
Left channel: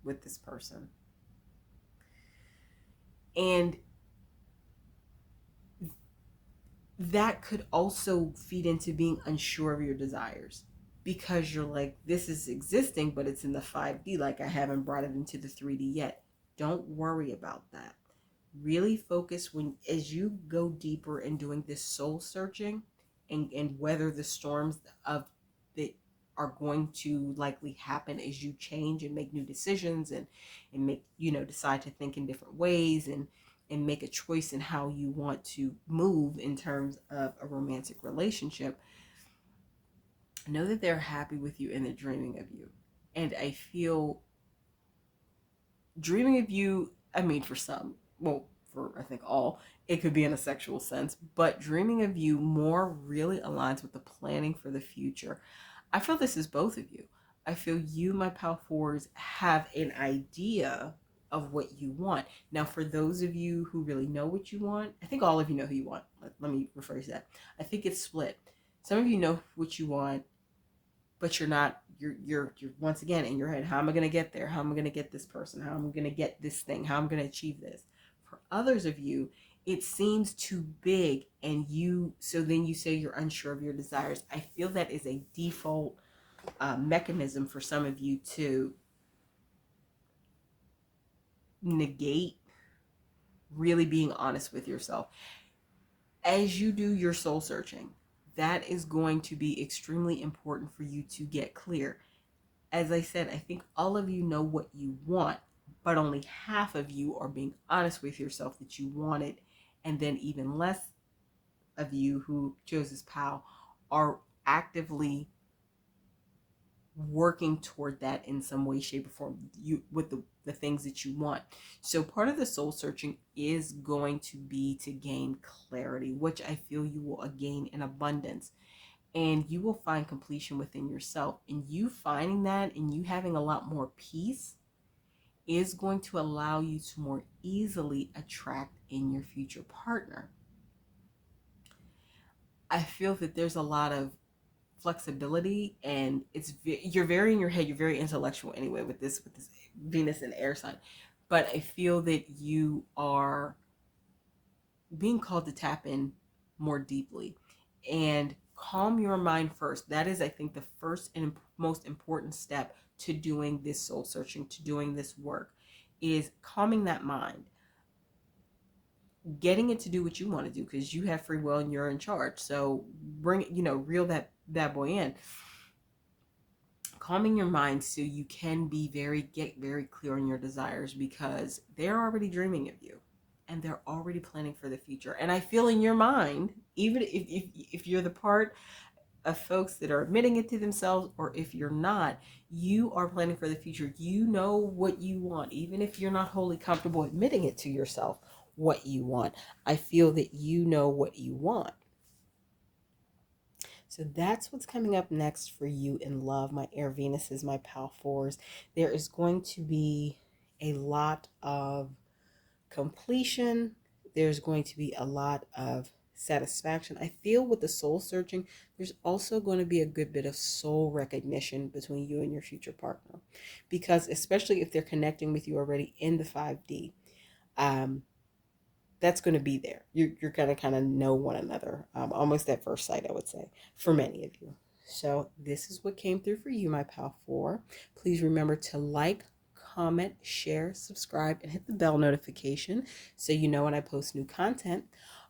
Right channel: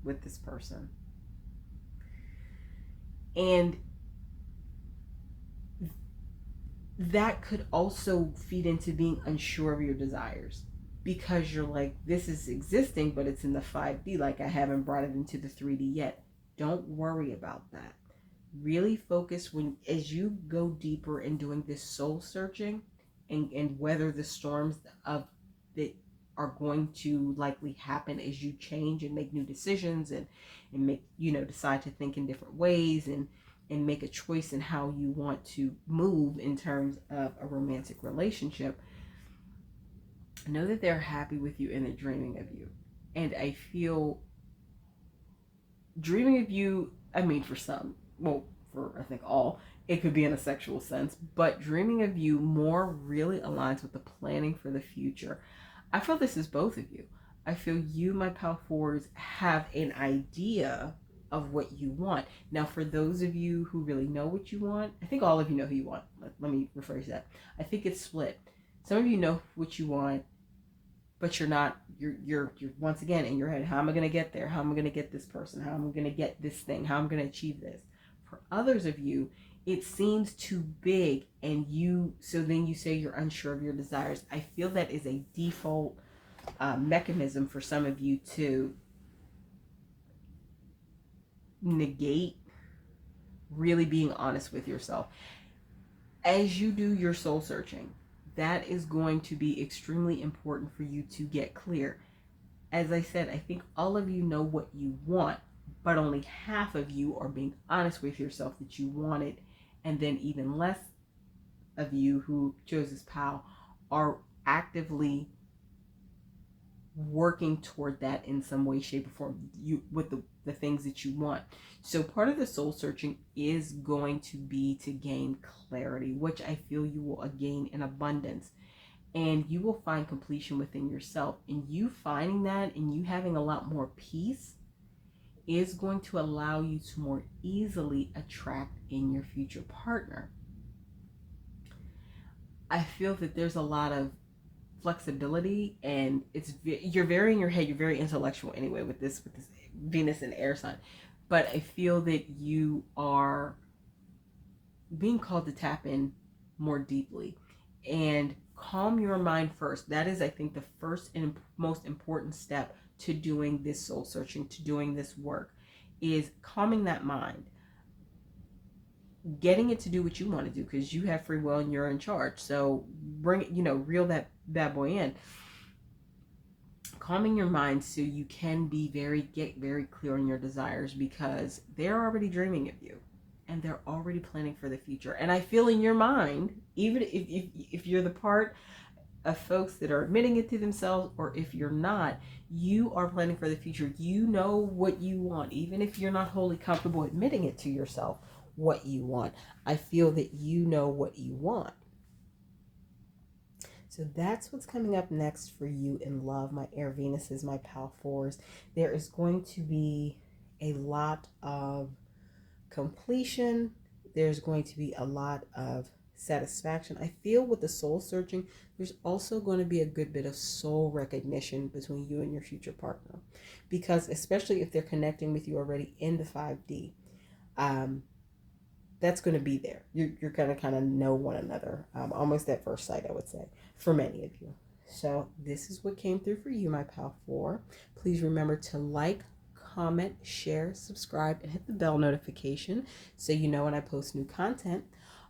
with this person. And that could also feed into being unsure of your desires, because you're like, this is existing, but it's in the 5D. Like, I haven't brought it into the 3D yet. Don't worry about that. Really focus as you go deeper in doing this soul searching and weather the storms of that are going to likely happen as you change and make new decisions and make, decide to think in different ways and make a choice in how you want to move in terms of a romantic relationship. Know that they're happy with you and they're dreaming of you. And I feel dreaming of you, I mean, for some, well, for I think all, it could be in a sexual sense, but dreaming of you more really aligns with the planning for the future. I feel this is both of you. I feel you, my pal fours, have an idea of what you want. Now, for those of you who really know what you want, I think all of you know who you want. Let me rephrase that. I think it's split. Some of you know what you want, but you're not, you're once again in your head, how am I going to get there? How am I going to get this person? How am I going to get this thing? How am I going to achieve this? For others of you, it seems too big, and so then you say you're unsure of your desires. I feel that is a default mechanism for some of you to negate really being honest with yourself. As you do your soul searching, that is going to be extremely important for you to get clear. As I said, I think all of you know what you want, but only half of you are being honest with yourself that you want it. And then even less of you who chose this pal are actively working toward that in some way, shape, or form, with the things that you want. So part of the soul searching is going to be to gain clarity, which I feel you will gain in abundance. And you will find completion within yourself. And you finding that and you having a lot more peace is going to allow you to more easily attract in your future partner. I feel that there's a lot of flexibility, and you're very in your head, you're very intellectual anyway with this Venus and air sign, but I feel that you are being called to tap in more deeply and calm your mind first. That is, I think, the first and most important step to doing this soul searching, to doing this work, is calming that mind, getting it to do what you want to do, because you have free will and you're in charge. So reel that bad boy in. Calming your mind so you can get very clear on your desires, because they're already dreaming of you and they're already planning for the future. And I feel in your mind, even if you're the part of folks that are admitting it to themselves, or if you're not, you are planning for the future. You know what you want, even if you're not wholly comfortable admitting it to yourself what you want. I feel that you know what you want. So that's what's coming up next for you in love, my air Venuses, my pal fours. There is going to be a lot of completion. There's going to be a lot of satisfaction. I feel with the soul searching, there's also going to be a good bit of soul recognition between you and your future partner, because especially if they're connecting with you already in the 5D, that's going to be there. You're going to kind of know one another, almost at first sight, I would say, for many of you. So this is what came through for you, my pal 4. Please remember to like, comment, share, subscribe, and hit the bell notification so you know when I post new content.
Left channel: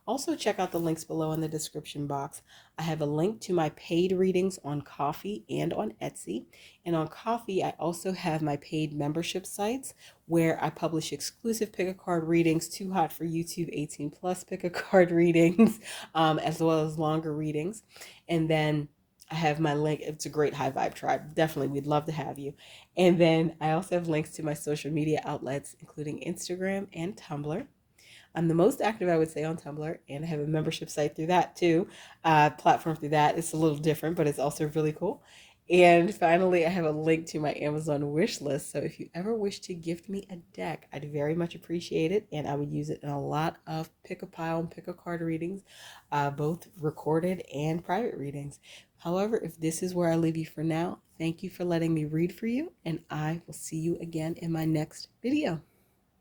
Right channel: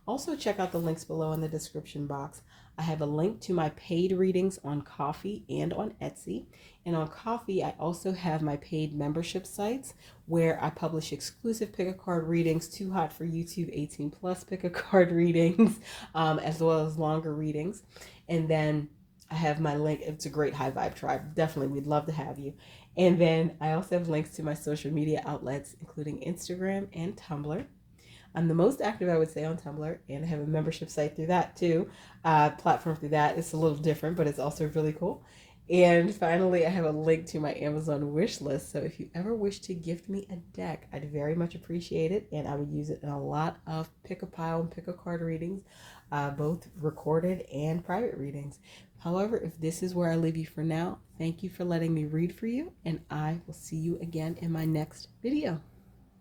Also, check out the links below in the description box. I have a link to my paid readings on Ko-fi and on Etsy. And on Ko-fi, I also have my paid membership sites where I publish exclusive pick a card readings, Too Hot for YouTube 18 plus pick a card readings, as well as longer readings. And then I have my link. It's a great high vibe tribe. Definitely, we'd love to have you. And then I also have links to my social media outlets, including Instagram and Tumblr. I'm the most active, I would say, on Tumblr, and I have a membership site through that too. Platform through that. It's a little different, but it's also really cool. And finally, I have a link to my Amazon wish list. So if you ever wish to gift me a deck, I'd very much appreciate it. And I would use it in a lot of pick a pile and pick a card readings, both recorded and private readings. However, if this is where I leave you for now, thank you for letting me read for you. And I will see you again in my next video.